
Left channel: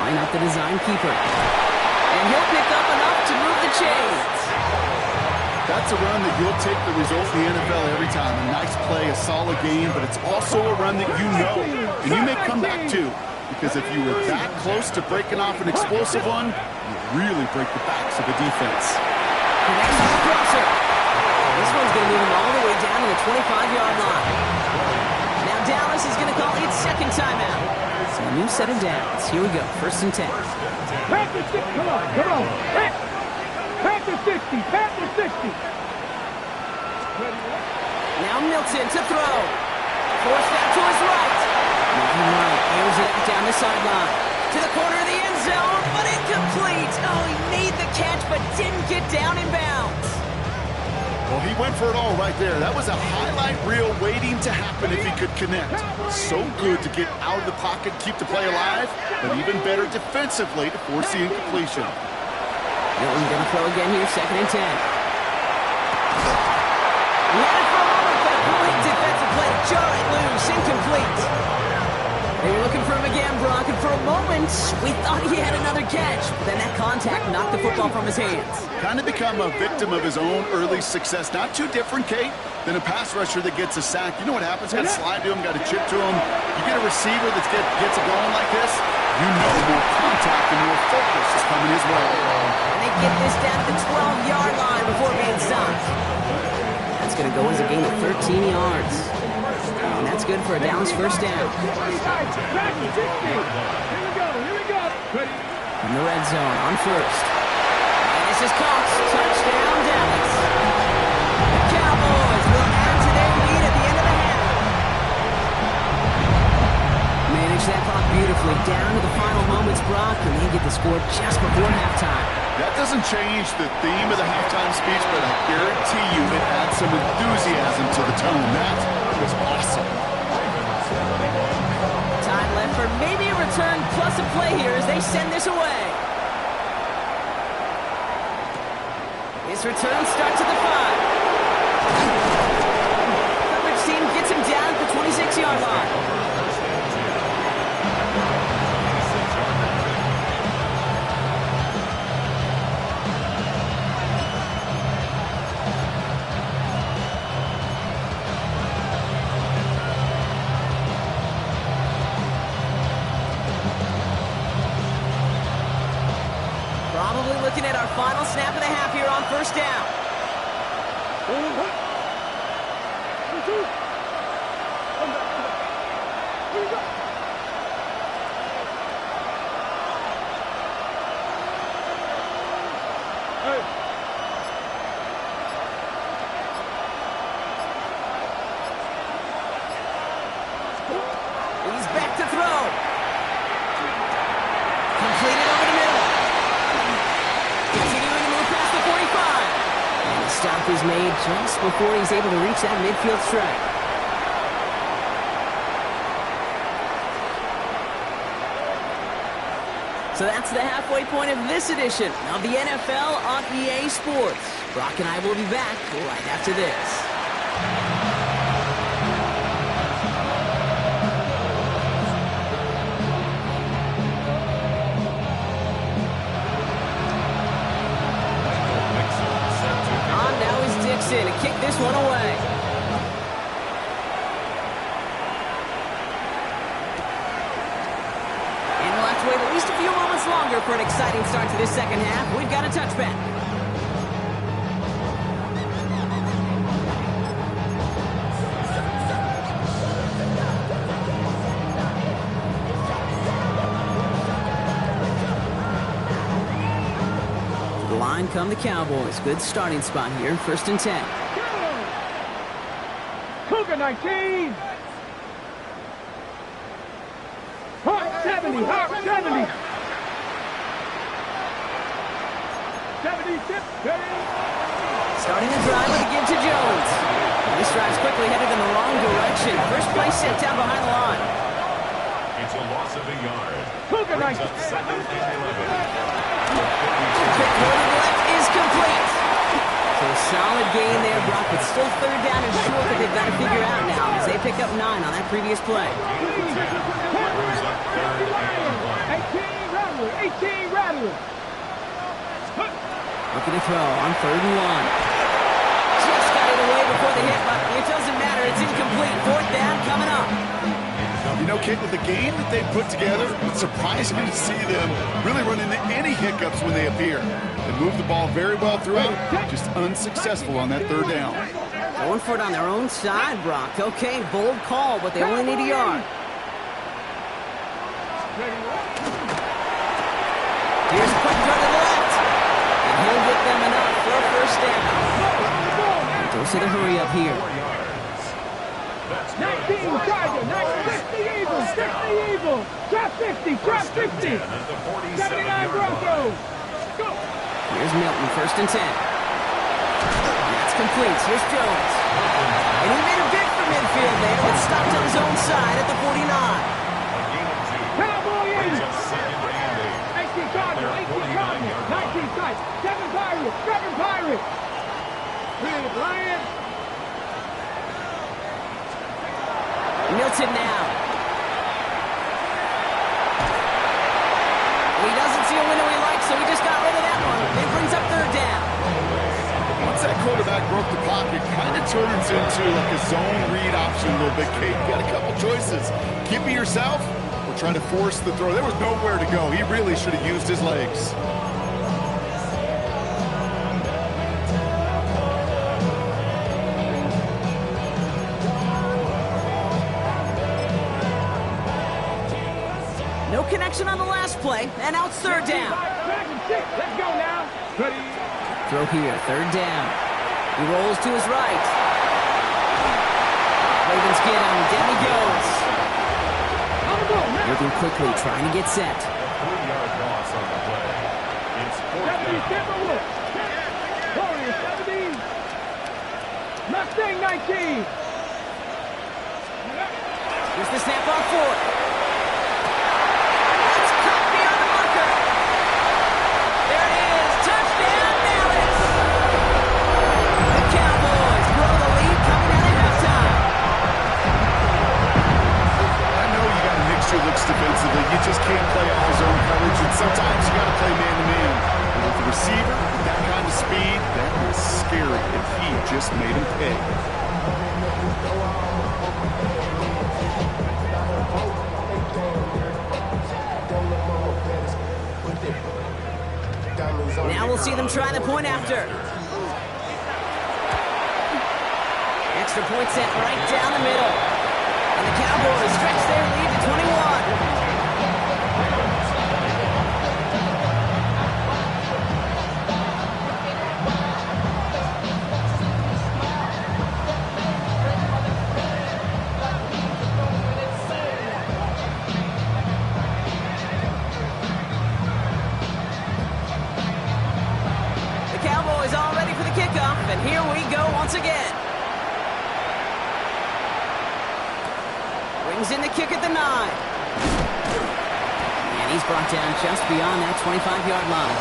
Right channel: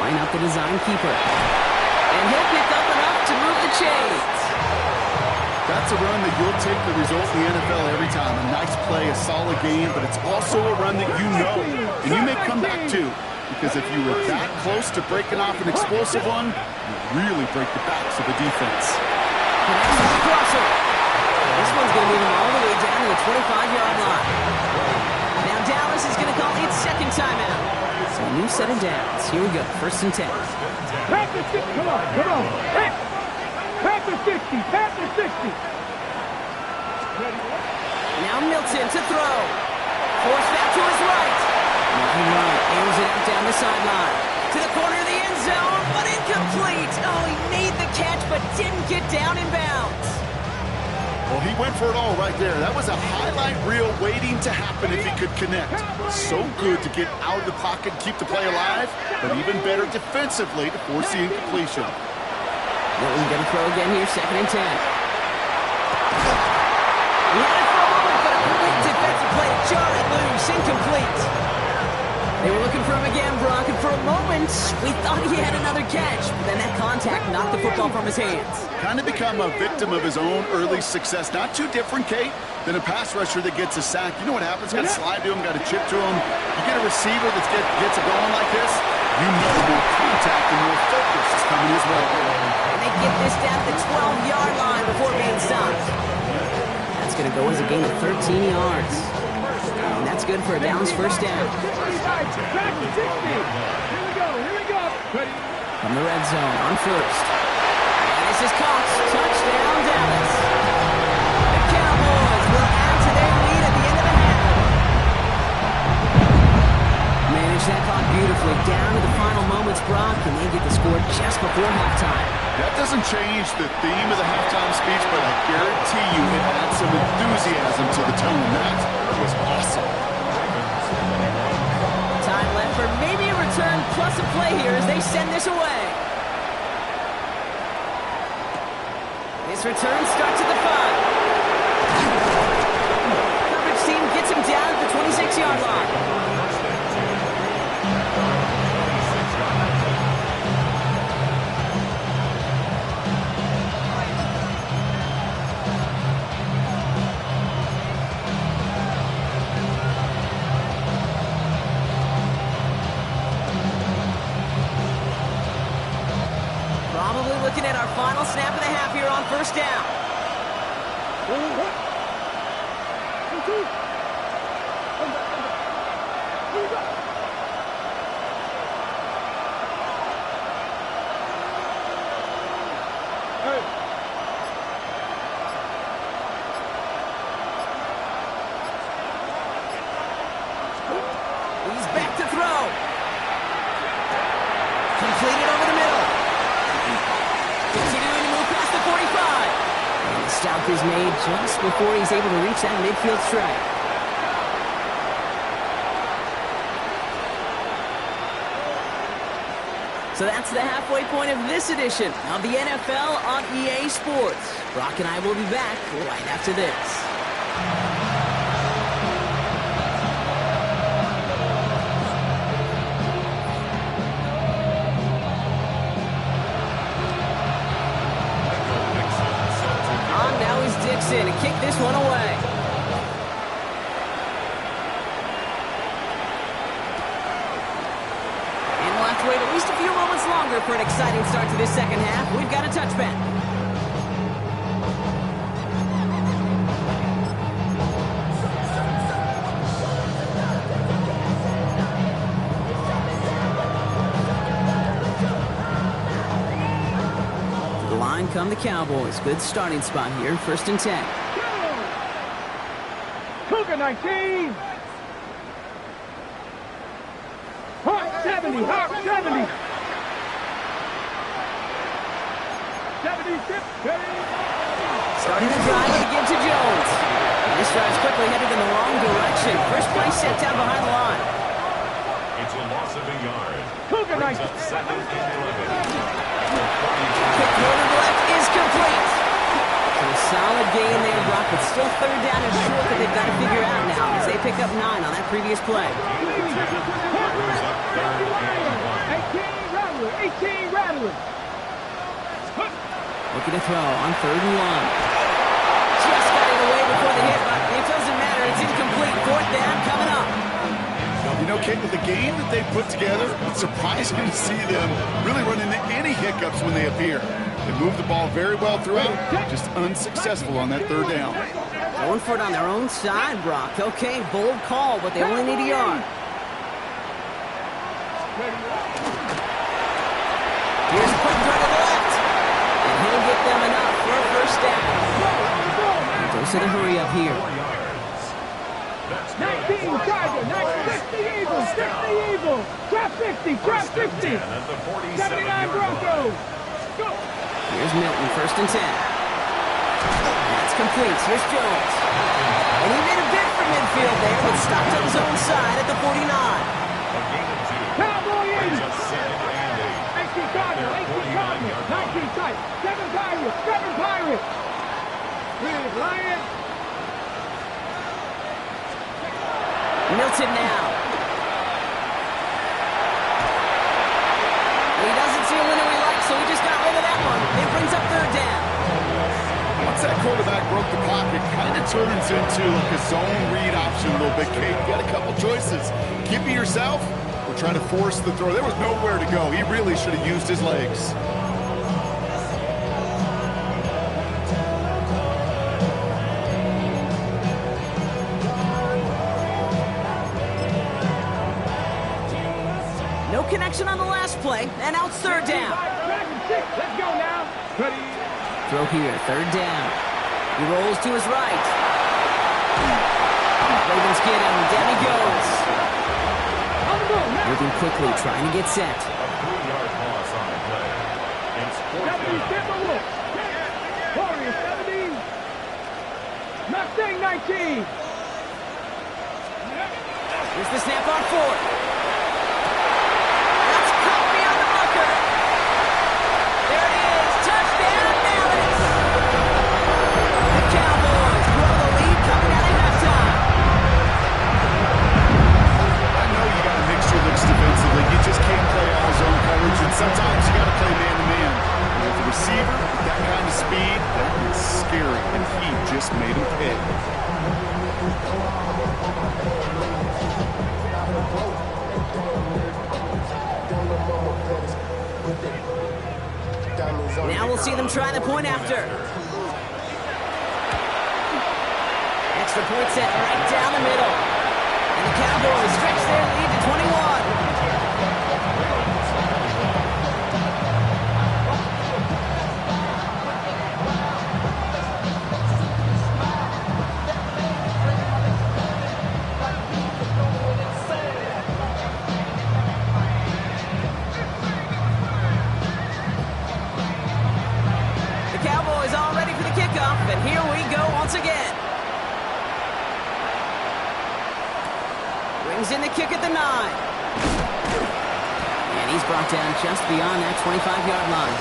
Line up the design keeper. And he'll pick up enough to move the chains. That's a run that you'll take the result in the NFL every time. A nice play, a solid game, but it's also a run that you know, and you may come back to. Because if you were that close to breaking off an explosive one, you really break the backs of the defense. Connects on the crosser. This one's going to move him all the way down to the 25-yard line. Now Dallas is going to call its second timeout. So a new set of downs. Here we go. First and 10. Panther 60. Come on. Panther 60. Now Milton to throw. Forced out to his right. Moving right. Airs it out down the sideline. To the corner of the end zone, but incomplete. Oh, he made the catch, but didn't get down in bounds. Well, he went for it all right there. That was a highlight reel waiting to happen if he could connect. So good to get out of the pocket and keep the play alive, but even better defensively to force the incompletion. Milton's going to throw again here, second and 10. He had it for a moment, but a great defensive play to jar it loose. Incomplete. They were looking for him again, Brock, and for a moment, we thought he had another catch. But then that contact knocked the football from his hands. Kind of become a victim of his own early success. Not too different, Kate, than a pass rusher that gets a sack. You know what happens? Got to slide to him, got to chip to him. You get a receiver that gets it going like this, you know more contact and more focus is coming his way. And they get this down to the 12-yard line before being stopped. That's going to go as a gain of 13 yards. And that's good for a Dallas first down. Here we go. Ready. From the red zone on first. And this is Cox. Touchdown, Dallas. The Cowboys will add to their lead at the end of the half. scored just before halftime. That doesn't change the theme of the halftime speech, but I guarantee you it adds some enthusiasm to the tone. That was awesome. Time left for maybe a return plus a play here as they send this away. This return starts at the 5. Coverage team gets him down at the 26-yard line. First and 10. At their own 26-yard line. Probably looking at our final snap of the half here on first down. 1, 2. Come back. Here you go. Hey. He's back to throw. Completed over the middle. Continuing to move past the 45. And the stop is made just before he's able to reach that midfield strike. So that's the halfway point of this edition of the NFL on EA Sports. Brock and I will be back right after this. On now is Dixon to kick this one away. And we'll have to wait at least a few moments longer for an exciting start to this second half. We've got a touchback. To the line come the Cowboys. Good starting spot here, 1st and 10. Cougar 19. Hawk 70. Hawk 70. 76. Starting the drive with a give to Jones. This drive's quickly headed in the wrong direction. First play set down behind the line. It's a loss of a yard. Cougar Brings 19. up 2nd and 11. Quick throw to the left is complete. So a solid gain there, Brock, but still 3rd down and short that they've got to figure out now as they pick up 9 on that previous play. Brings up 3rd and 1. 18 Rattler. Looking to throw on 3rd and 1. Just got it away before the hit, but it doesn't matter. It's incomplete. 4th down coming up. You know, Kate, with the game that they put together, it's surprising to see them really run into any hiccups when they appear. They move the ball very well throughout, just unsuccessful on that 3rd down. Going for it on their own side, Brock. Okay, bold call, but they only need a yard. Here's a quick throw to the left. And he'll get them enough for a 1st down. And those are the hurry up here. 4 yards. That's good 19 for a Tiger. Cowboys. 60 Eagles. 60 Eagles. Drop 60. Drop 1st and 60. 10 at the 79 47-yard Broncos. line. Go. Here's Milton, 1st and 10. That's complete. Here's Jones. And he made a bid for midfield there, but stopped on his own side at the 49. A gain of 2. Cowboy Brings 80. up 2nd and 18 8. Cardinals. 18 Cardinals. 19 Titans. 7 Pirates. 7 Pirates. 3 Lions. Milton now. He doesn't see a window he likes, so he just got rid of that one. It brings up 3rd down. Once that quarterback broke the pocket, kind of turns into like a zone read option a little bit, Kate. You got a couple choices. Keep it yourself or try to force the throw. There was nowhere to go. He really should have used his legs. No connection on the last play, and now it's 3rd down. Let's go now. Ready. Throw here, 3rd down. He rolls to his right. Ravens get him. Down he goes. On the ball now. Moving quickly, trying to get set. A 3-yard loss on the play. It's 4th 70, down. Timberwolves. Warriors 70. Mustang 19. Here's the snap on 4th. That's cut beyond the marker. There it is. Touchdown, Dallas. The Cowboys grow the lead coming out at halftime. I know you got to mix your looks defensively. You just can't play all zone coverage, and sometimes you got to play man-to-man. And with the receiver, with that kind of speed, that is scary, and he just made him pay. Now we'll see them try the point after. Extra point set right down the middle. And the Cowboys stretch their lead to 21. The Cowboys all ready for the kickoff, and here we go once again. Brings in the kick at the 9. And he's brought down just beyond that 25-yard line.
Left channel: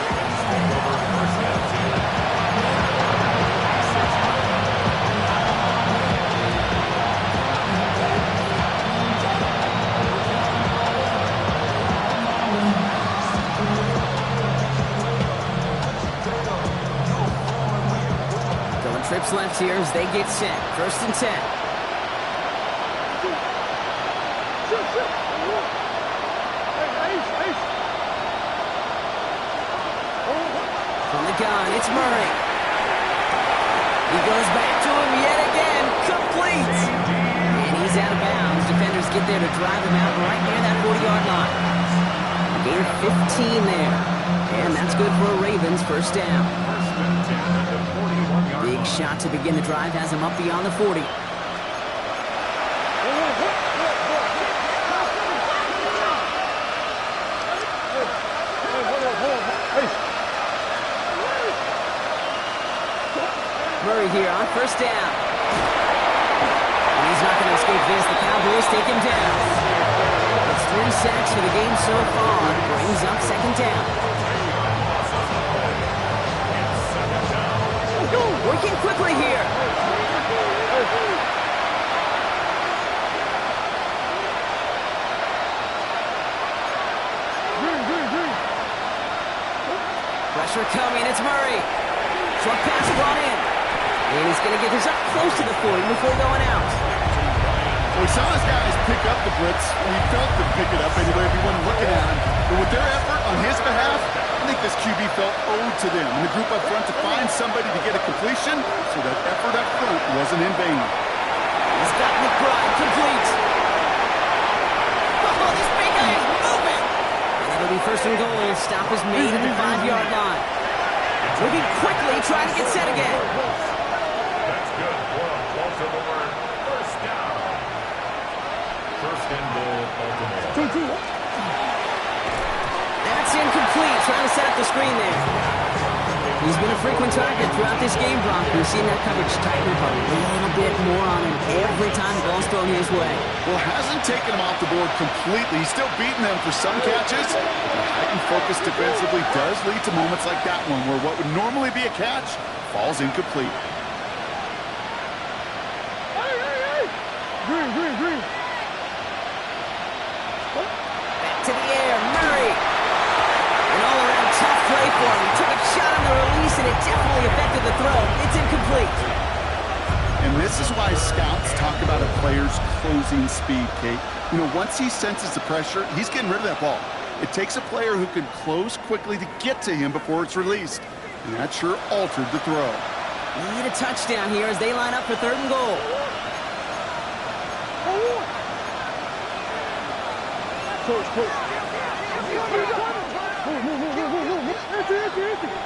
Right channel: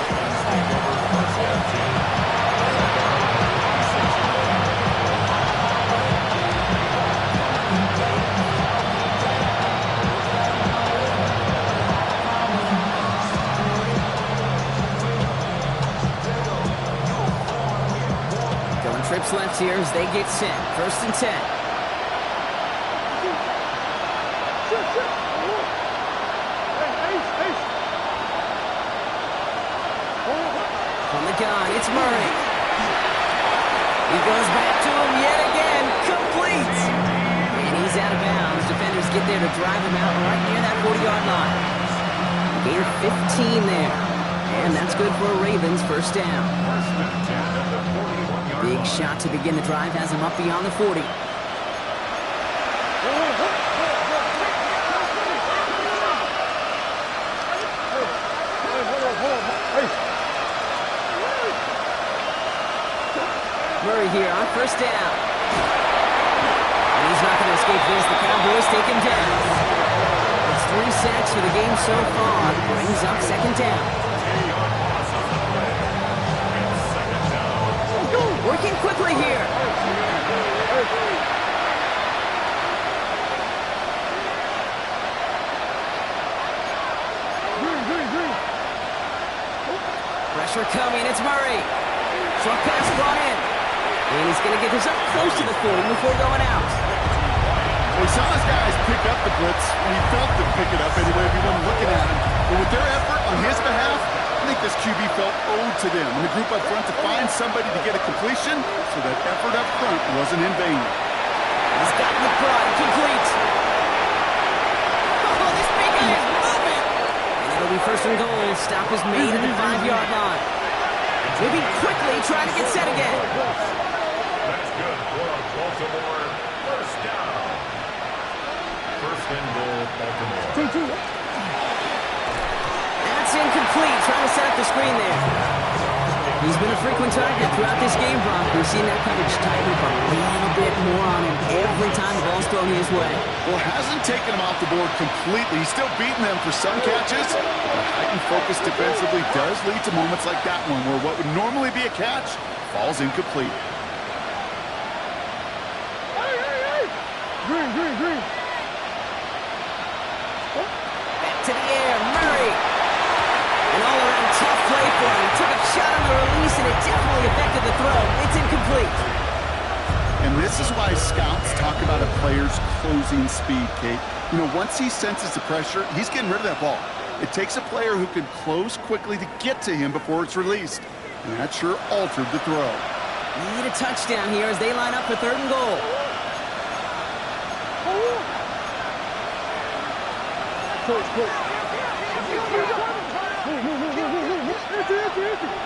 Going trips left here as they get set. 1st and 10. From the gun, it's Murray. He goes back to him yet again. Complete. And he's out of bounds. Defenders get there to drive him out right near that 40-yard line. Gain of 15 there. And that's good for a Ravens 1st down. Big shot to begin the drive has him up beyond the 40. Murray here on 1st down. And he's not going to escape this. The Cowboys take him down. It's 3 sacks for the game so far. Brings up 2nd down. Working quickly here. Pressure coming. It's Murray. Short pass brought in. And he's going to get this up close to the 40 before going out. Well, we saw his guys pick up the blitz. He felt them pick it up anyway if he wasn't looking at him. But with their effort on his behalf, I think this QB felt owed to them and the group up front to find somebody to get a completion, so that effort up front wasn't in vain. He's got McBride complete. Oh, this big guy is moving. And it'll be 1st and goal. Stop is made at the 5-yard line. Moving quickly, trying to get set again. That's good for a Baltimore 1st down. 1st and goal, Baltimore. That's incomplete. Trying to set up the screen there. He's been a frequent target throughout this game, Brock. We've seen that coverage tighten up a little bit more on him every time the ball's thrown his way. Well, hasn't taken him off the board completely. He's still beating them for some catches. But the heightened focus defensively does lead to moments like that one, where what would normally be a catch falls incomplete. Green. Back to the air, Murray. An all-around tough play for him. He took a shot on the release, and it definitely affected the throw. It's incomplete. And this is why scouts talk about a player's closing speed, Kate. You know, once he senses the pressure, he's getting rid of that ball. It takes a player who can close quickly to get to him before it's released. And that sure altered the throw. Need a touchdown here as they line up for 3rd and goal.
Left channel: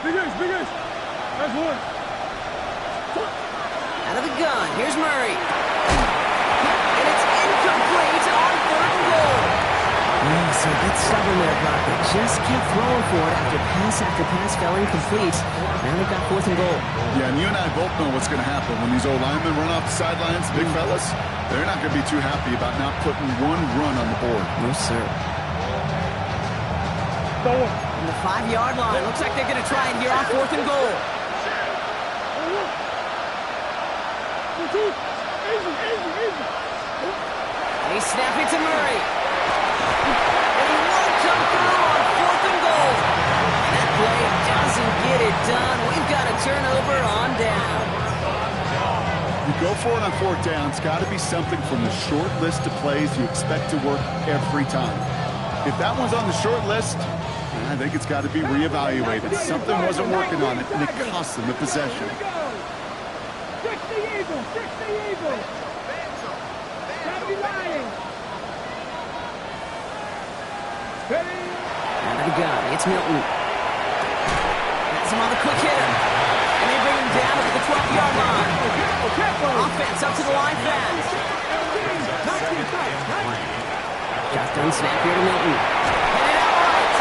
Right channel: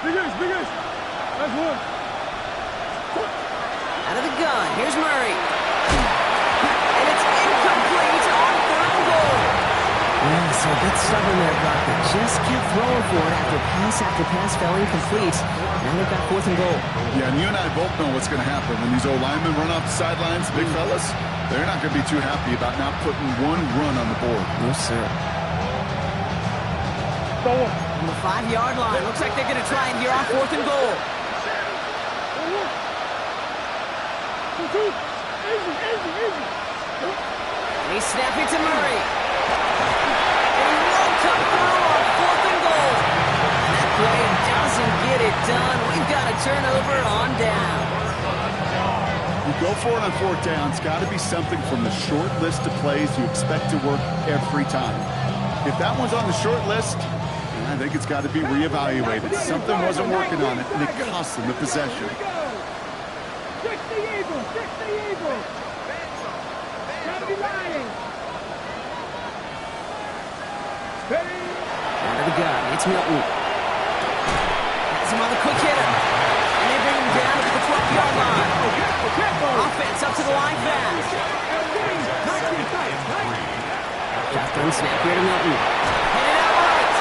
Big ace. That's one. Out of the gun, here's Murray. And it's incomplete on 3rd and goal. Yes, So a bit stubborn there, Brock. They just kept throwing for it after pass fell incomplete. Now they've got 4th and goal. Yeah, and you and I both know what's going to happen when these old linemen run off the sidelines, big fellas. They're not going to be too happy about not putting one run on the board. No, sir. On the 5-yard line. Looks like they're going to try it here on 4th and goal. They snap it to Murray. And he won't come through on 4th and goal. And that play doesn't get it done. We've got a turnover on down. You go for it on 4th down. It's got to be something from the short list of plays you expect to work every time. If that one's on the short list, I think it's got to be reevaluated. Something wasn't working on it, and it cost them the possession. 60 Eagles, 60 Eagles. Gotta be lying. Steady. Out of the gun, it's Milton. Has him on the quick hitter. And they bring him down to the 12-yard line. Offense up to the line fast. Shotgun snap here to Milton. Headed out right.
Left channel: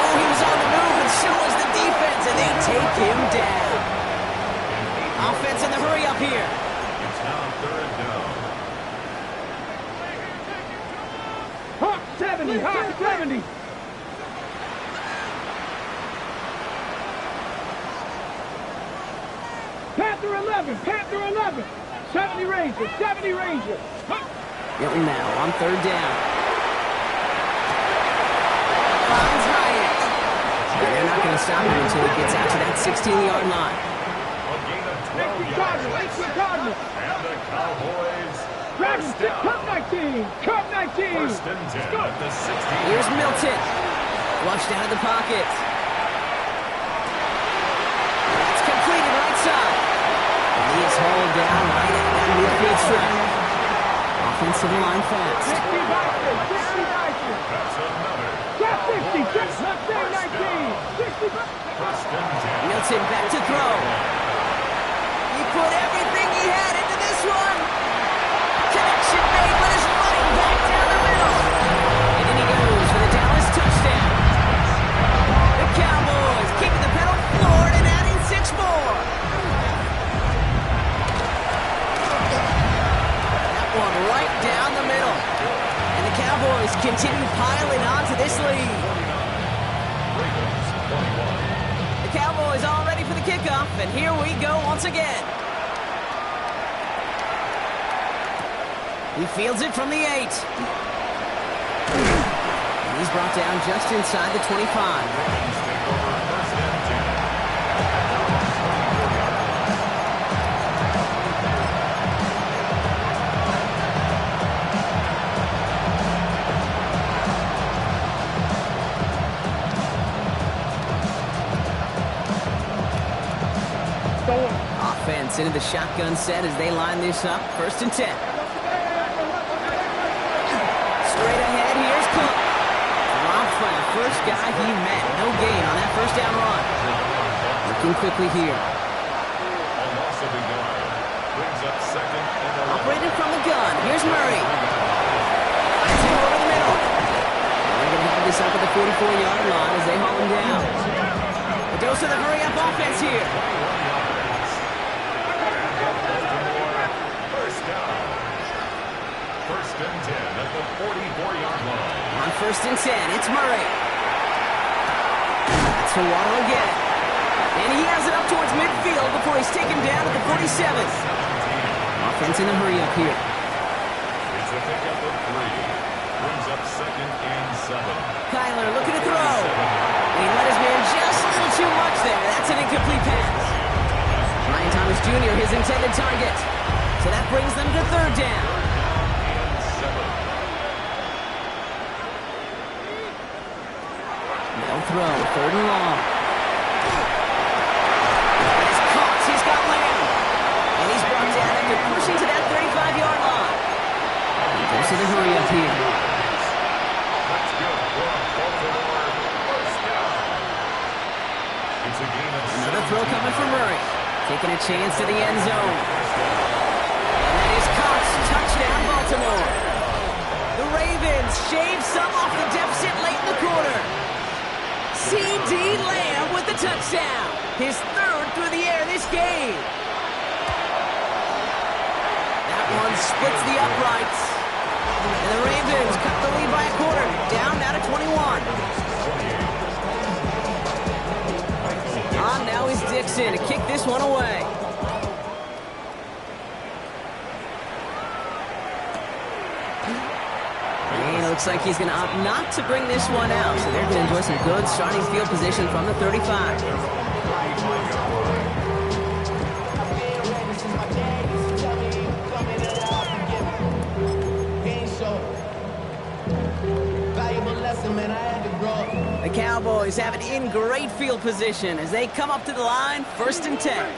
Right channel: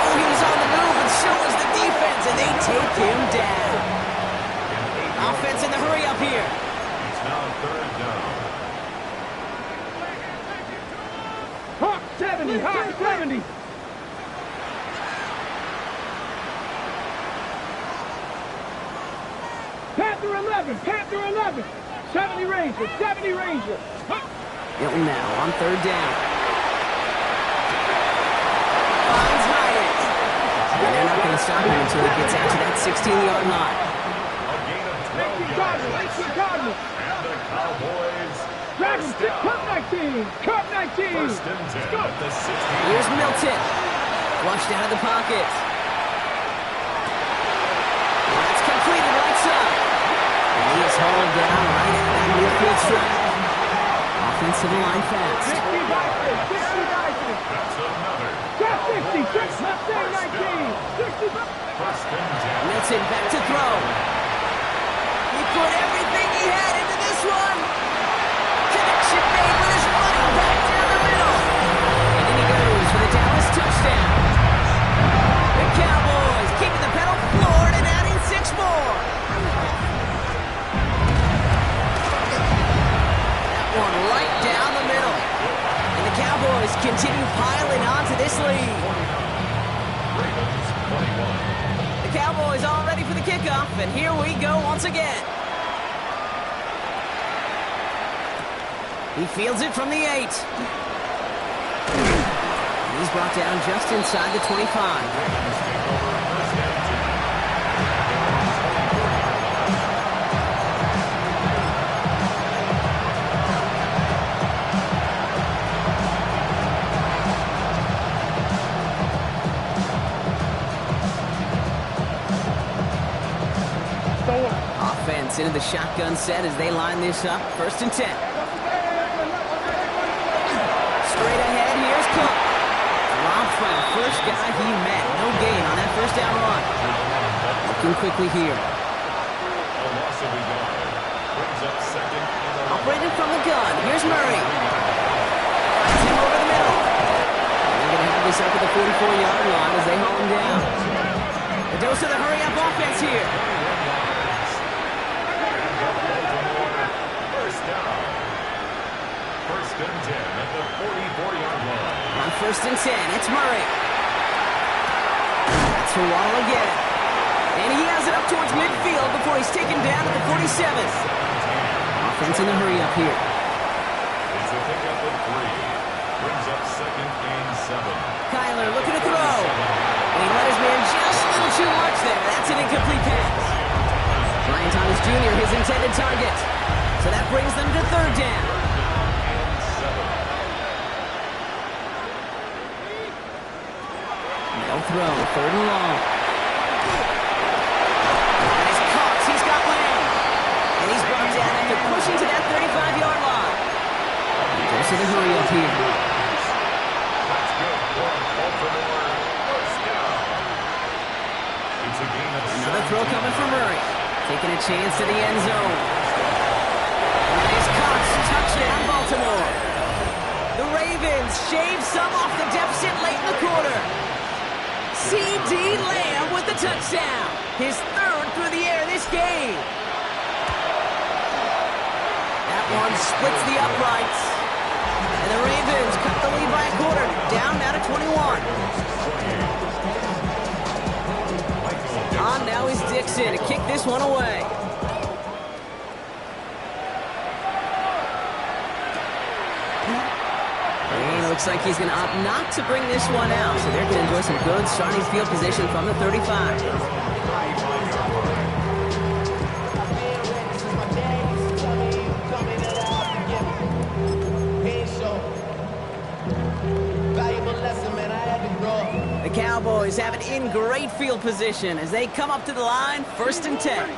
Oh, he was on the move, and so was the defense, and they take him down. Offense in the hurry up here. It's now 3rd down. Hawk 70, Hawk 70. Panther 11, Panther 11. 70 Ranger, 70 Ranger. Milton now on 3rd down. Finds Hyatt. And they're not going to stop him until he gets out to that 16-yard line. A gain of 12 yards. And the Cowboys Dragons, first down. Cup 19, Cup 19. 1st and 10 at the 16. Here's Milton. Flushed out of the pocket. That's completed right side. And he is hauled down right at that midfield stripe. Offensive line fast. 60 Bison, 60 Bison. That's another. Just 60, just left there 19. 60 Bison. 1st and 10. Milton back to throw. He put everything he had into this one. Connection made with his running back down the middle. And in he goes for the Dallas touchdown. The Cowboys keeping the pedal floored and adding 6 more. That one right down the middle. And the Cowboys continue piling on to this lead. Ravens 21. The Cowboys all ready for the kickoff, and here we go once again. He fields it from the 8. And he's brought down just inside the 25. Ravens take over 1st and 10 at their own 24-yard line. Offense into the shotgun set as they line this up. 1st and 10. Straight ahead, here's Cook. Dropped by the first guy he met. No gain on that 1st down run. Looking quickly here. A loss of a yard brings up 2nd and 11. Operating from the gun. Here's Murray. Finds him over the middle. And they're going to have this up at the 44-yard line as they haul him down. The dose of the hurry-up offense here. 21 yards. And the Baltimore 1st down. 1st and 10 at the 44-yard line. On 1st and 10, it's Murray. That's for Waddle again. And he has it up towards midfield before he's taken down at the 47. Offense in the hurry-up here. It's a pickup of 3. Brings up 2nd and 7. Kyler looking to throw. And he let his man just a little too much there. That's an incomplete pass. Ryan Thomas Jr., his intended target. So that brings them to 3rd down. And 7. They'll throw, 3rd and long. And it's caught. He's got Lamb. And he's brought down after pushing to that 35-yard line. He goes to the hurry up here. That's good for a Baltimore 1st down. It's a gain of Another throw coming from Murray. Taking a chance to the end zone. And that is caught. Touchdown, Baltimore. The Ravens Ravens shave some off the deficit late in the quarter. C.D. Lamb with the touchdown. His third through the air this game. That one splits the uprights. And the Ravens cut the lead by a quarter. Down now to 21. On now is Dixon to kick this one away. And it looks like he's going to opt not to bring this one out. So they're going to enjoy some good starting field position from the 35. The Cowboys have it in great field position as they come up to the line, 1st and 10.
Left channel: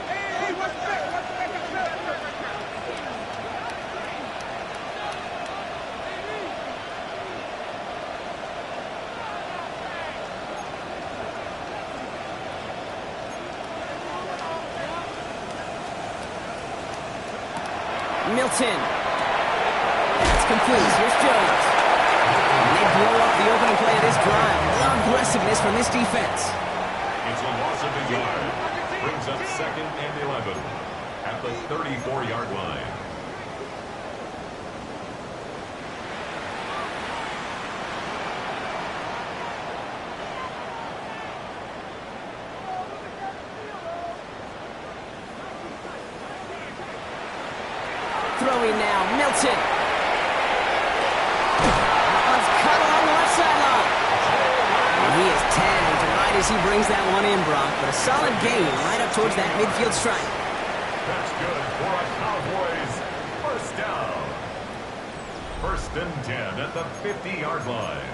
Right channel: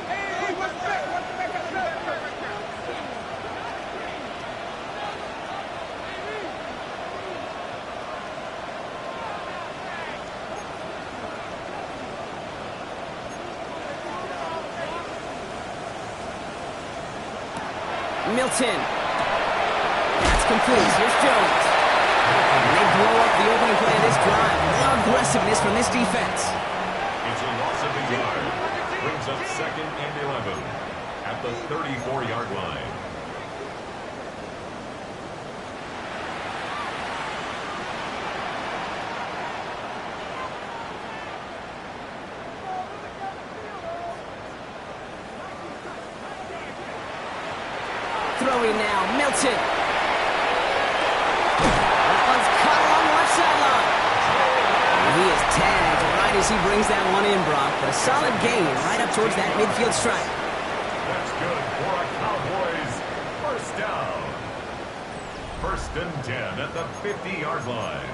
Milton. That's complete. Here's Jones. And they blow up the opening play of this drive. A lot of aggressiveness from this defense. It's a loss of a yard. Brings up 2nd and 11 at the 34-yard line. Throwing now, Milton. That one's cut along the left sideline. And he is tagged right as he brings that one in, Brock. But a solid gain right up towards that midfield stripe. That's good for a Cowboys 1st down. 1st and 10 at the 50-yard line.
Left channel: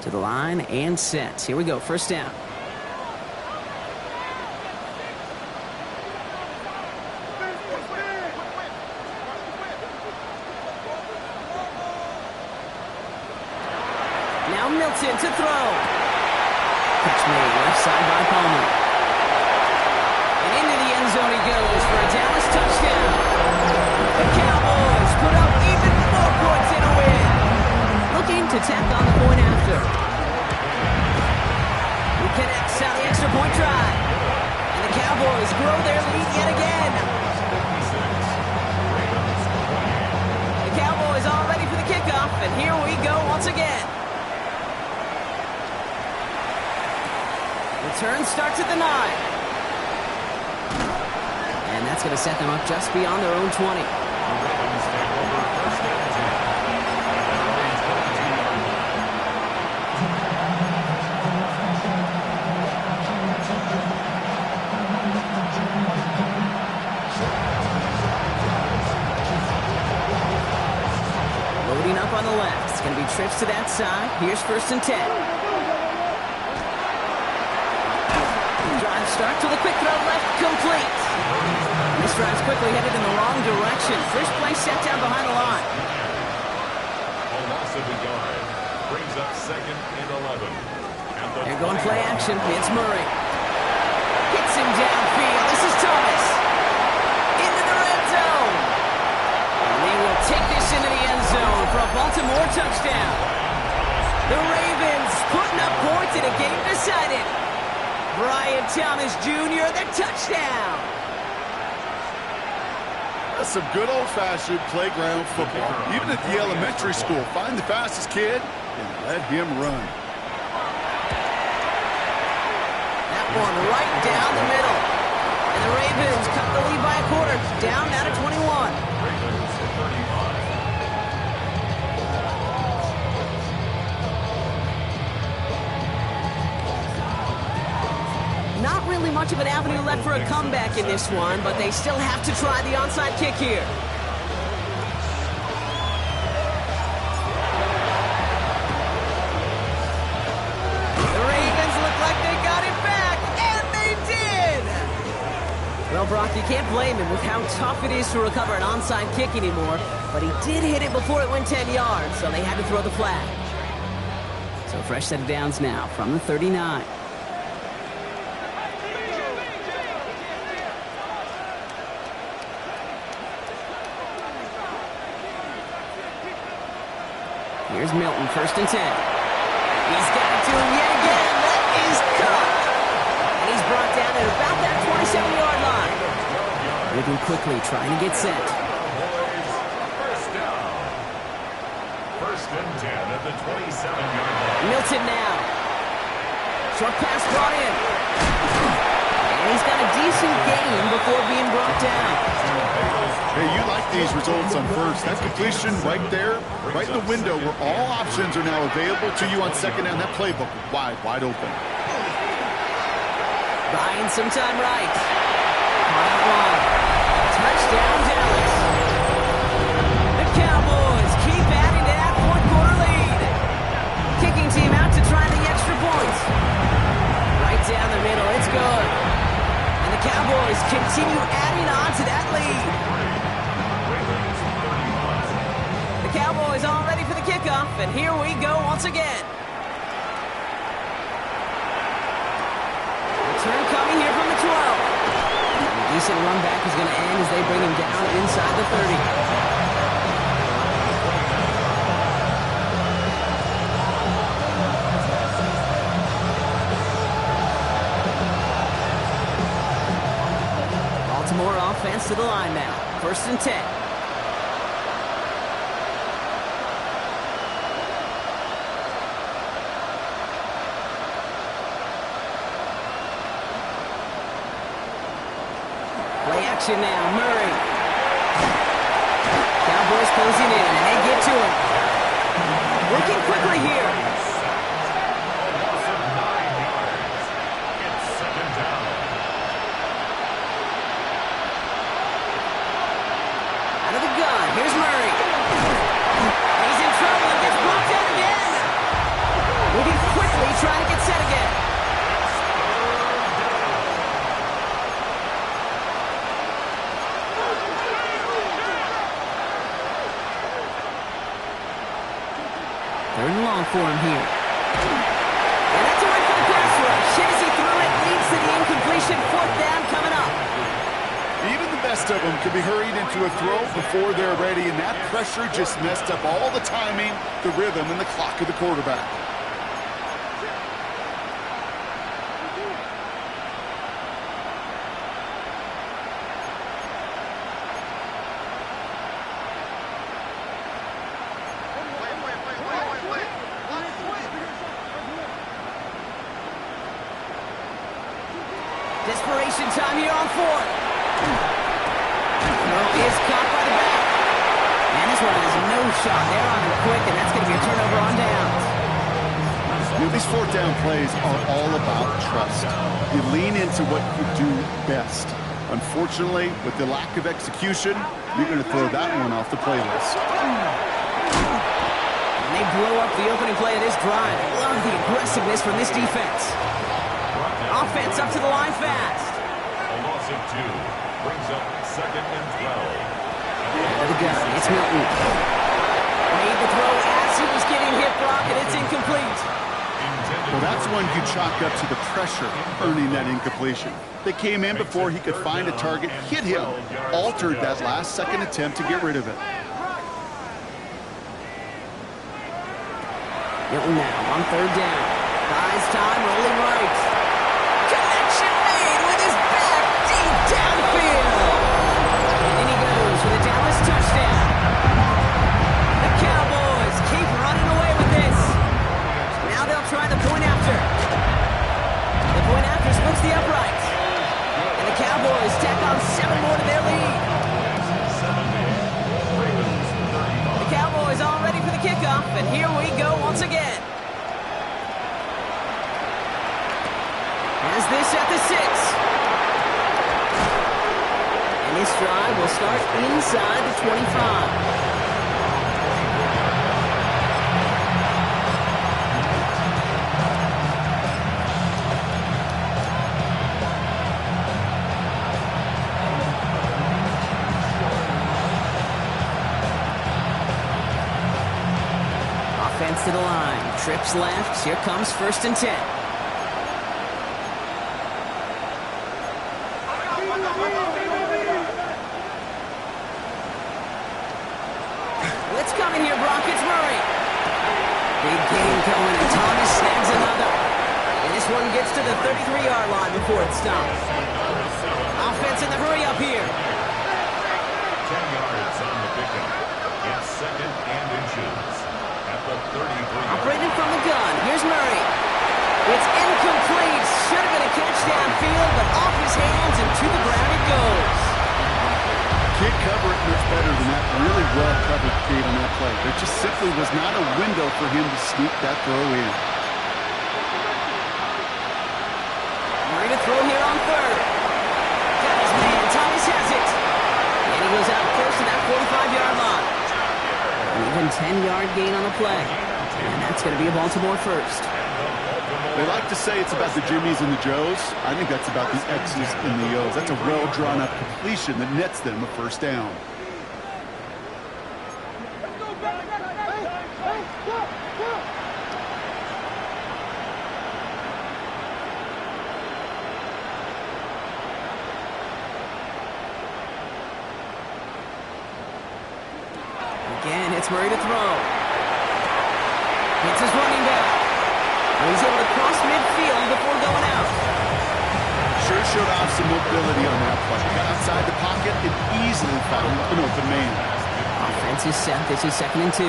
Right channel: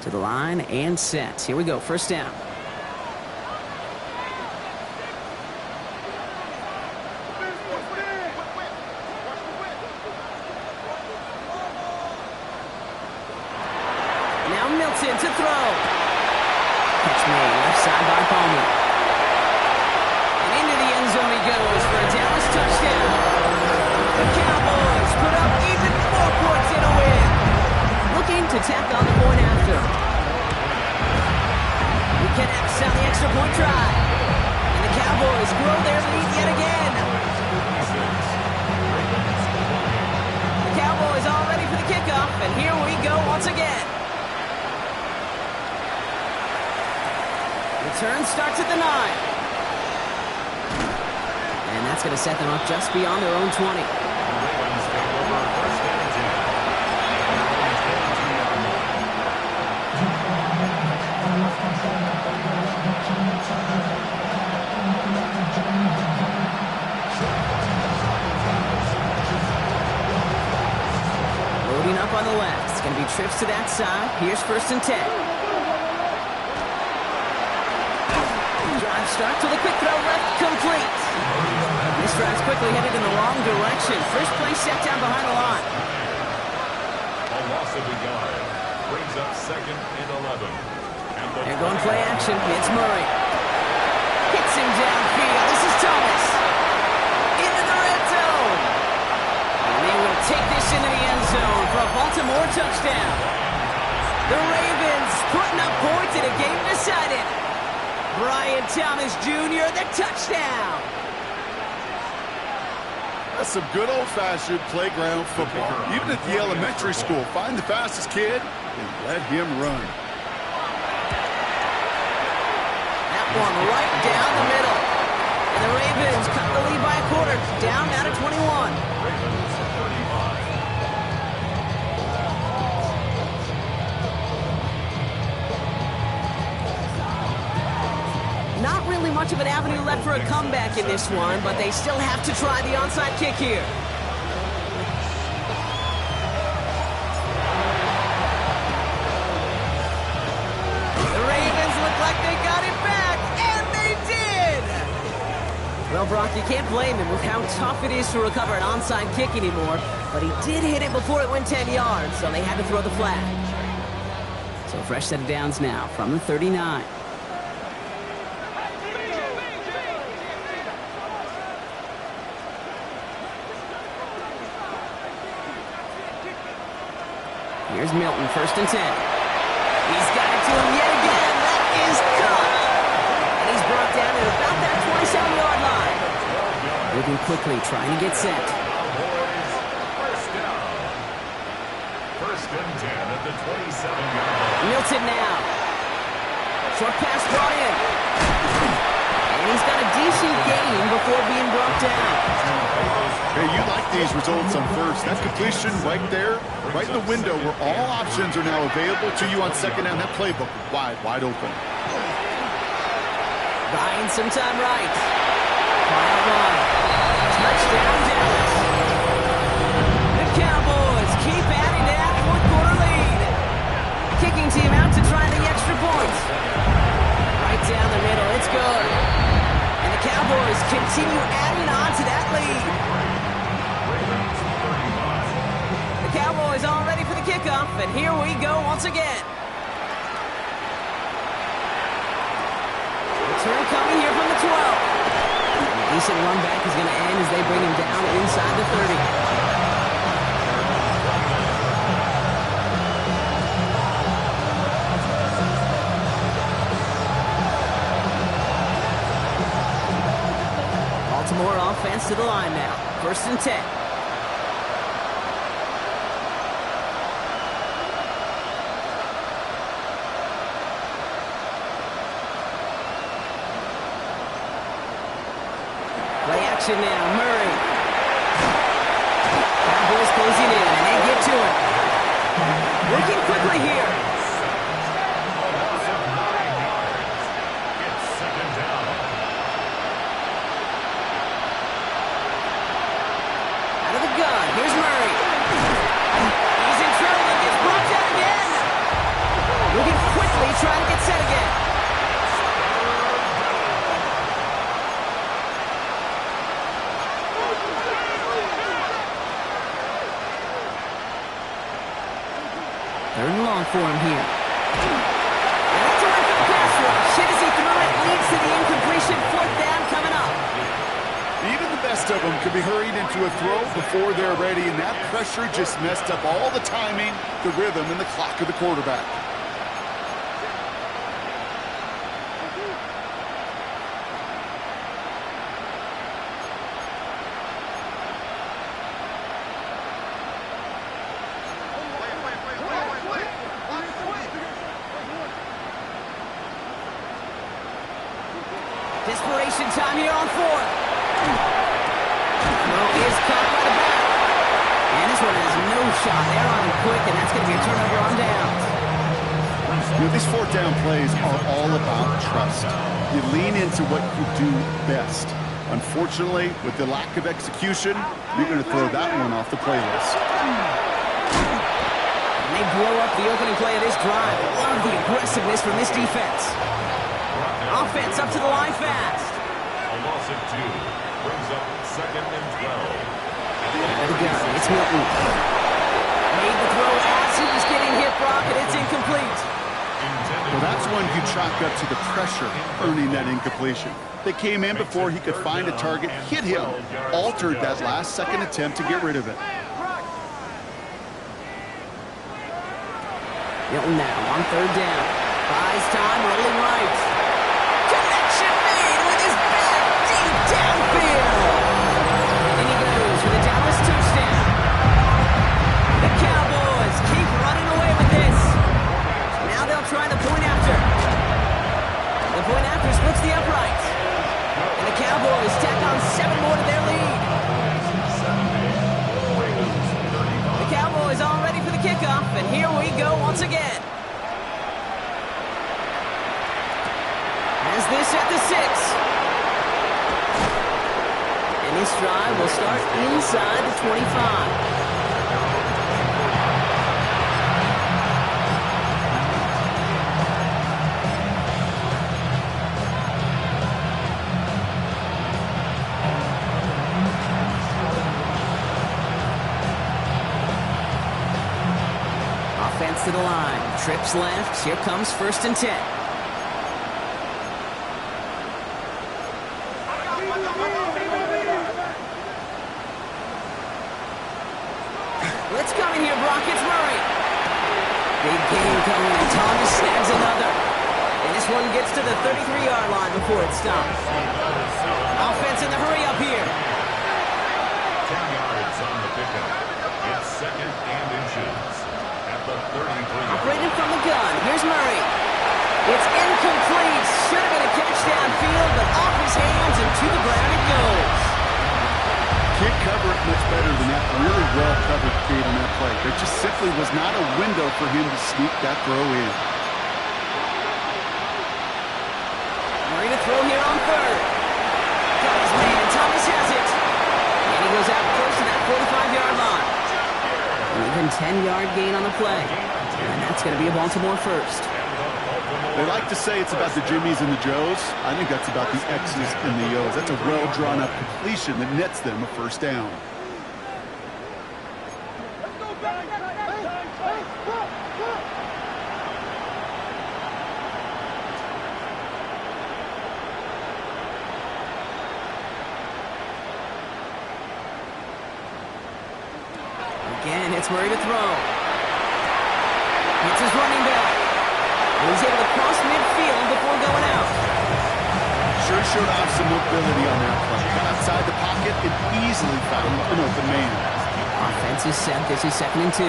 To the line and set. Here we go, 1st down. Now Milton to throw. Catch made left side by Palmer. And into the end zone he goes for a Dallas touchdown. The Cowboys put up even more points in a win. Looking to tack on the point after. He connects on the extra point try. And the Cowboys grow their lead yet again. The Cowboys all ready for the kickoff, and here we go once again. Return starts at the 9. And that's going to set them up just beyond their own 20. The Ravens take over 1st and 10 at their own 22-yard line. Loading up on the left. It's going to be trips to that side. Here's 1st and 10. Drive start to the quick throw left, complete. This drive's quickly headed in the wrong direction. First play set down behind the line. A loss of a yard brings up 2nd and 11. They're going play action. It's Murray. Hits him downfield. This is Thomas. Into the red zone. And they will take this into the end zone for a Baltimore touchdown. The Ravens putting up points in a game decided. Brian Thomas Jr., the touchdown. That's some good old-fashioned playground football. Even at the elementary school, find the fastest kid and let him run. That one right down the middle. And the Ravens cut the lead by a quarter. Down now to 21. Ravens 35. Not really much of an avenue left for a comeback in this one, but they still have to try the onside kick here. The Ravens look like they got it back, and they did! Well, Brock, you can't blame him with how tough it is to recover an onside kick anymore, but he did hit it before it went 10 yards, so they had to throw the flag. So fresh set of downs now from the 39. Here's Milton, 1st and 10. He's got it to him yet again. That is caught. And he's brought down at about that 27-yard line. Moving quickly, trying to get set. Cowboys, first down. 1st and 10 at the 27-yard line. Milton now. Short pass brought in. And he's got a decent gain before being brought down. Hey, you like these results on first. That completion right there, right in the window where all options are now available to you on 2nd down. That playbook wide open. Buying some time right. Caught out wide. Touchdown, Dallas. The Cowboys keep adding to that 4th quarter lead. Kicking team out to try the extra points. Right down the middle, it's good. And the Cowboys continue adding on to that lead. The Cowboys all ready for the kickoff, and here we go once again. Return coming here from the 12. And a decent run back is going to end as they bring him down inside the 30. Baltimore offense to the line now. 1st and 10. Play action now. Murray. Cowboys closing in, and they get to him. Working quickly here. A loss of 9 yards. It's 2nd down. Out of the gun. Here's Murray. He's in trouble and gets brought down again. Moving quickly, trying to get set again. Third and long for him here. And that's a win for the pass rush. Hit as he threw it, leads to the incompletion. 4th down coming up. Even the best of them could be hurried into a throw before they're ready, and that pressure just messed up all the timing, the rhythm, and the clock of the quarterback. Desperation time here on 4th. Throw is caught by the back. And this one has no shot. They're on him quick, and that's going to be a turnover on downs. You know, these 4th down plays are all about trust. You lean into what you do best. Unfortunately, with the lack of execution, you're going to throw that one off the playlist. And they blow up the opening play of this drive. Love the aggressiveness from this defense. Offense up to the line fast. A loss of 2 brings up 2nd and 12. Out of the gun, it's Milton. Made the throw as he was getting hit, Brock, and it's incomplete. Well, that's one you chalk up to the pressure earning that incompletion. They came in before he could find a target, hit him, altered that last-second attempt to get rid of it. Milton now on 3rd down. Buys time, rolling right. Connection made with his back deep downfield. And in he goes for the Dallas touchdown. The Cowboys keep running away with this. Now they'll try the point after. The point after splits the uprights. And the Cowboys tack on 7 more to their lead. The Cowboys all ready for the kickoff, and here we go once again. As this at the 6. And this drive will start inside the 25. Offense to the line. Trips left. Here comes 1st and 10. Blitz coming here, Brock. It's Murray. Big game going, and Thomas snags another. And this one gets to the 33-yard line before it stops. Offense in the hurry up here. 10 yards on the pickup. It's second and inches at the 33. Operating from the gun. Here's Murray. It's incomplete. Should have been a catch downfield, but off his hands and to the ground it goes. Can't cover it much better than that. Really well covered, Kate, on that play. There just simply was not a window for him to sneak that throw in. Murray to throw here on third. Got his man. Thomas has it. And he goes out first to that 45-yard line. An even 10-yard gain on the play. And that's going to be a Baltimore first. They like to say it's about the Jimmies and the Joes. I think that's about the X's and the O's. That's a well-drawn-up completion that nets them a first down. Again, it's Murray to throw. It's his running back. And he's able to cross midfield before going out. Sure showed off some mobility on that play. Got outside the pocket and easily found an open man. Offense is set. This is 2nd and 2.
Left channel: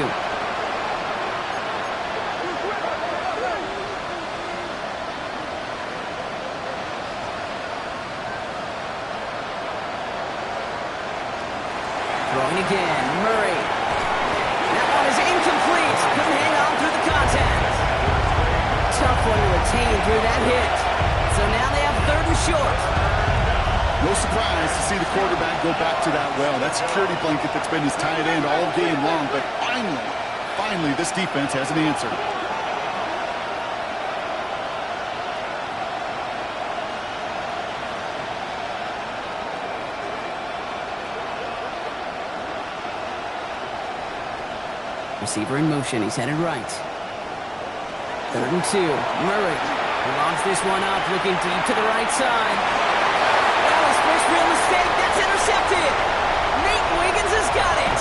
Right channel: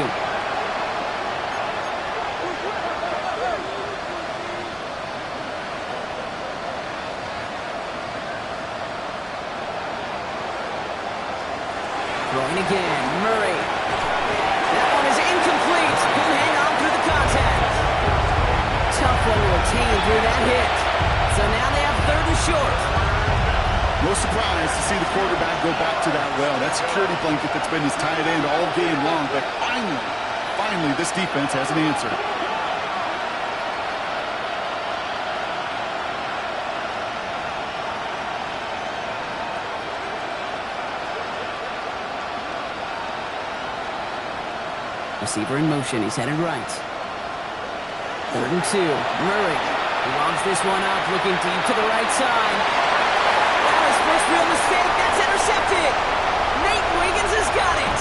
Throwing again. Murray. That one is incomplete. Couldn't hang on through the contact. Tough one to retain through that hit. So now they have 3rd and short. No surprise to see the quarterback go back to that well. That security blanket that's been his tight end all game long. But finally, this defense has an answer. Receiver in motion. He's headed right. 3rd and 2. Murray logs this one up, looking deep to the right side. Well, his first real mistake. That's intercepted. Nate Wiggins has got it.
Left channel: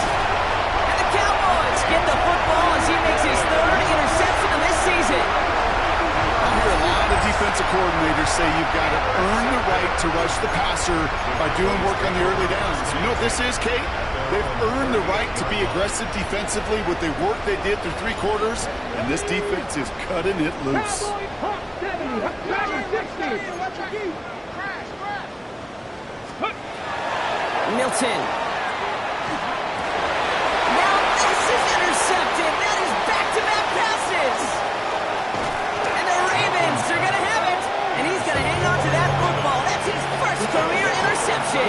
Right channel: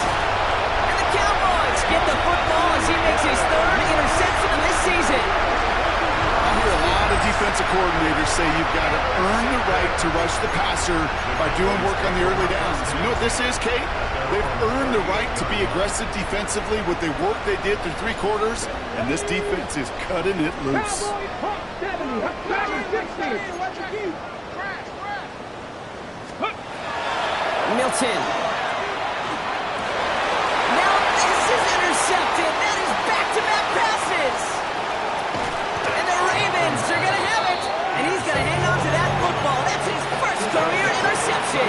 And the Cowboys get the football as he makes his 3rd interception of this season. I hear a lot of defensive coordinators say you've got to earn the right to rush the passer by doing work on the early downs. You know what this is, Kate? They've earned the right to be aggressive defensively with the work they did through 3 quarters, and this defense is cutting it loose. Cowboys pump 70, back 60. Milton. Now this is intercepted. That is back-to-back passes. And the Ravens are going to have it. And he's going to hang on to that football. That's his first career interception.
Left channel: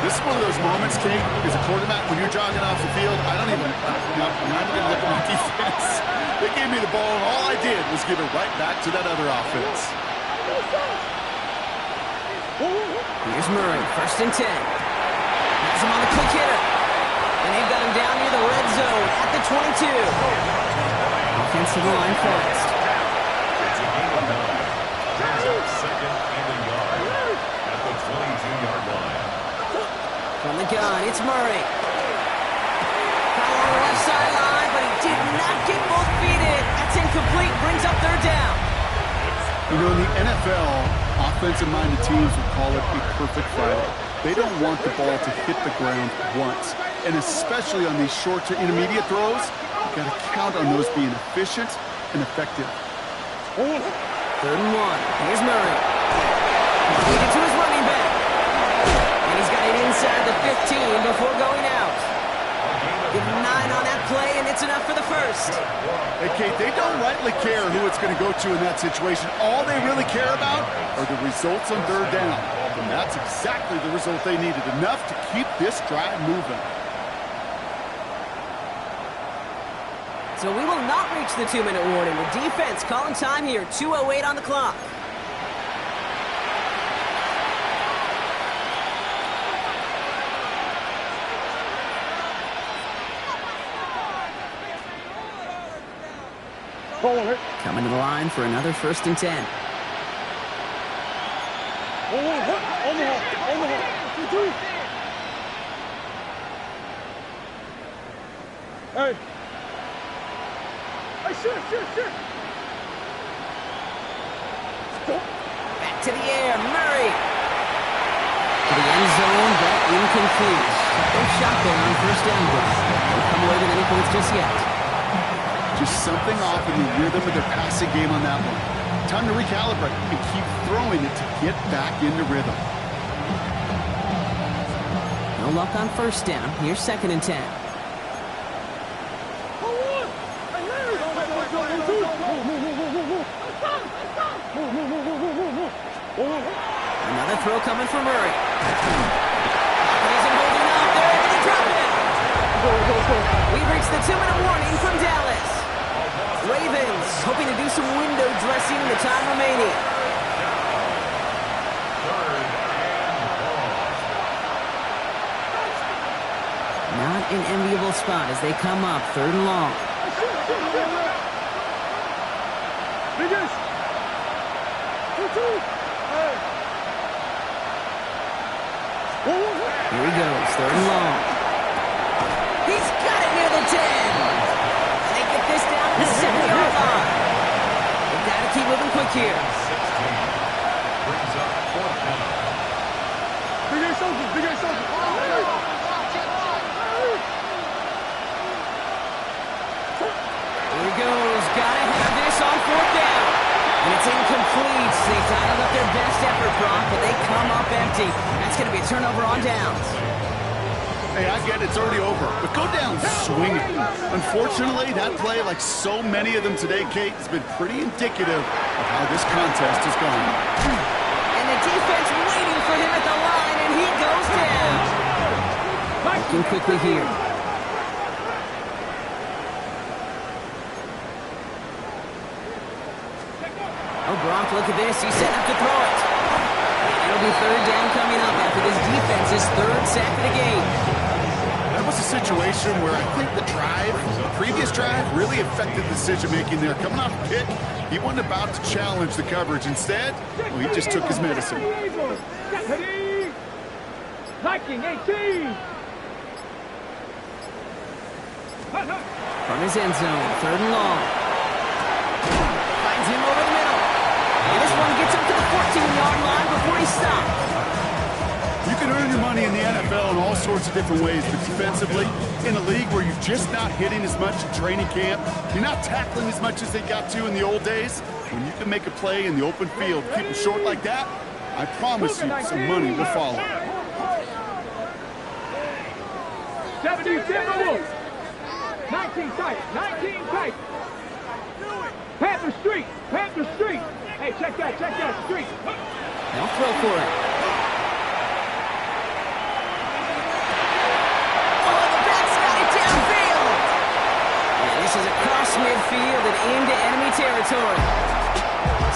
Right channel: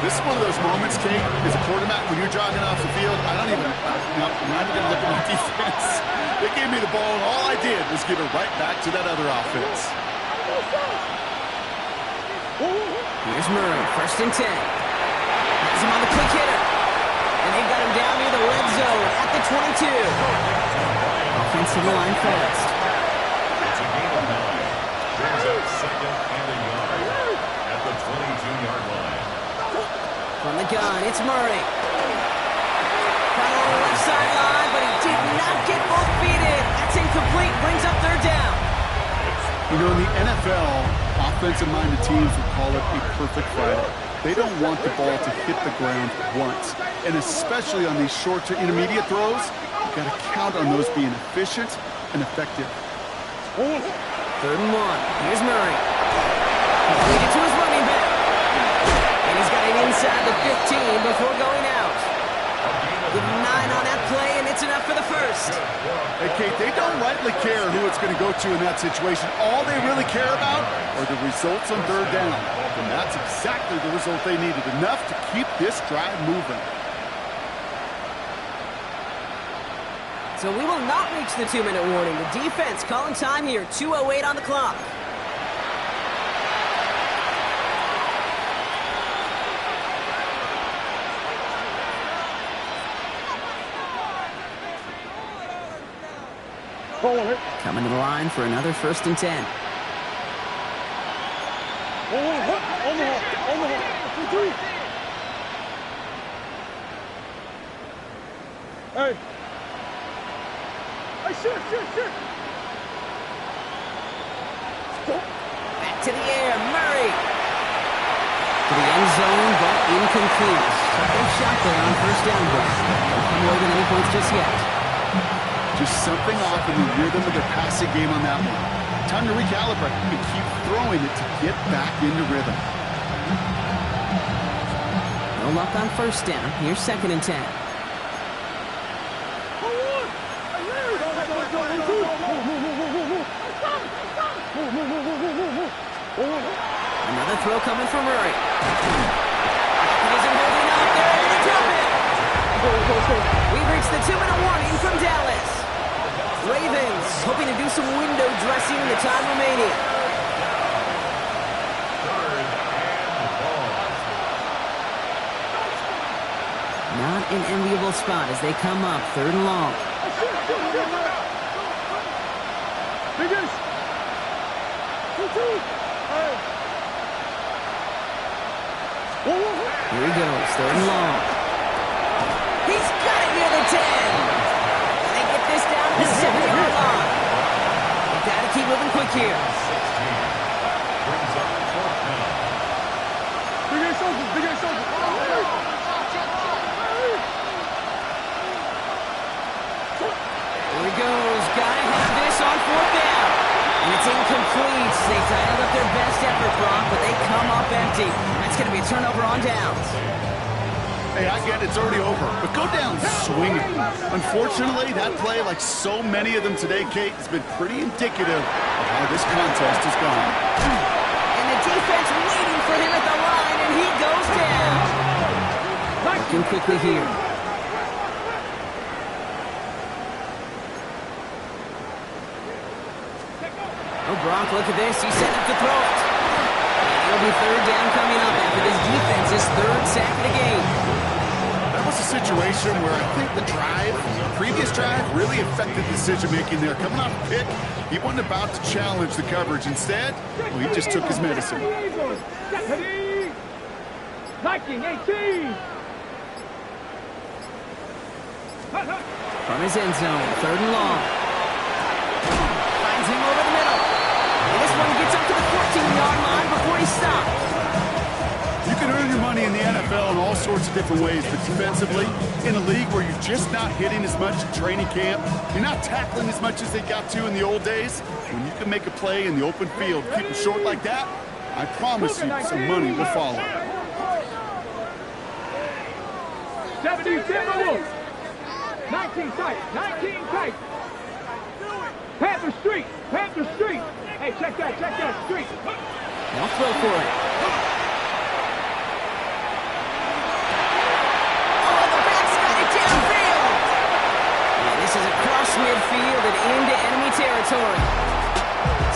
This is one of those moments, Kate, as a quarterback, when you're jogging off the field, I'm not even going to look at my defense. They gave me the ball, and all I did was give it right back to that other offense. Here's Murray, 1st and 10. Has him on the quick hitter. And they've got him down near the red zone at the 22. Offensive line fast. It's a gain of 9. Brings up 2nd and a yard at the 22-yard line. From the gun, it's Murray. Caught along the left sideline, but he did not get both feet in. That's incomplete, brings up 3rd down. You know, in the NFL, offensive-minded teams would call it a perfect Friday. They don't want the ball to hit the ground once. And especially on these short to intermediate throws, you've got to count on those being efficient and effective. 3rd and 1. Here's Murray. Completed to his running back. And he's got it inside the 15 before going out. Give him 9 on that play, and it's enough for the first. Hey, Kate, they don't rightly care who it's going to go to in that situation. All they really care about are the results on 3rd down. And that's exactly the result they needed. Enough to keep this drive moving. So we will not reach the 2-minute warning. The defense calling time here, 2:08 on the clock. Coming to the line for another 1st and 10. Hey. Back to the air, Murray. To the end zone, but incomplete. Took their shot there on first down, Brock. Don't come away with any points just yet. Just something off in the rhythm of their passing game on that one. Time to recalibrate and keep throwing it to get back into rhythm. No luck on first down. Here's 2nd and 10. Another throw coming from Murray. Lockett isn't holding up. They're able to drop it. We've reached the 2-minute warning from Dallas. Ravens hoping to do some window dressing in the time remaining. Not an enviable spot as they come up 3rd and long. Here he goes, 3rd and long. He's got it near the 10. And they get this down to the 7-yard line. They've got to keep moving quick here. 16 brings up 4th down. Here he goes. Gotta have this on 4th down. And it's incomplete. They dialed up their best effort, Brock, but they come up empty. That's going to be a turnover on downs. Hey, I get it's already over, but go down swinging. Unfortunately, that play, like so many of them today, Kate, has been pretty indicative of how this contest has gone. And the defense waiting for him at the line, and he goes down. Working quickly here. Oh, Gronk, look at this. He's setting up to throw it. And it'll be 3rd down coming up after this defense's 3rd sack of the game. That was a situation where I think the previous drive, really affected decision-making there. Coming off pick, he wasn't about to challenge the coverage. Instead, well, he just took his medicine. Viking 18. From his end zone, 3rd and long. Finds him over the middle. And this one gets up to the 14-yard line before he stopped. You can earn your money in the NFL in all sorts of different ways, but defensively, in a league where you're just not hitting as much in training camp, you're not tackling as much as they got to in the old days, when you can make a play in the open field, keep it short like that, I promise you some money will follow. 77 19 tight, 19 tight. Panther Street, Panther Street. Hey, check that street. They'll throw for it. Oh, the back's got it downfield. And this is across midfield and into enemy territory.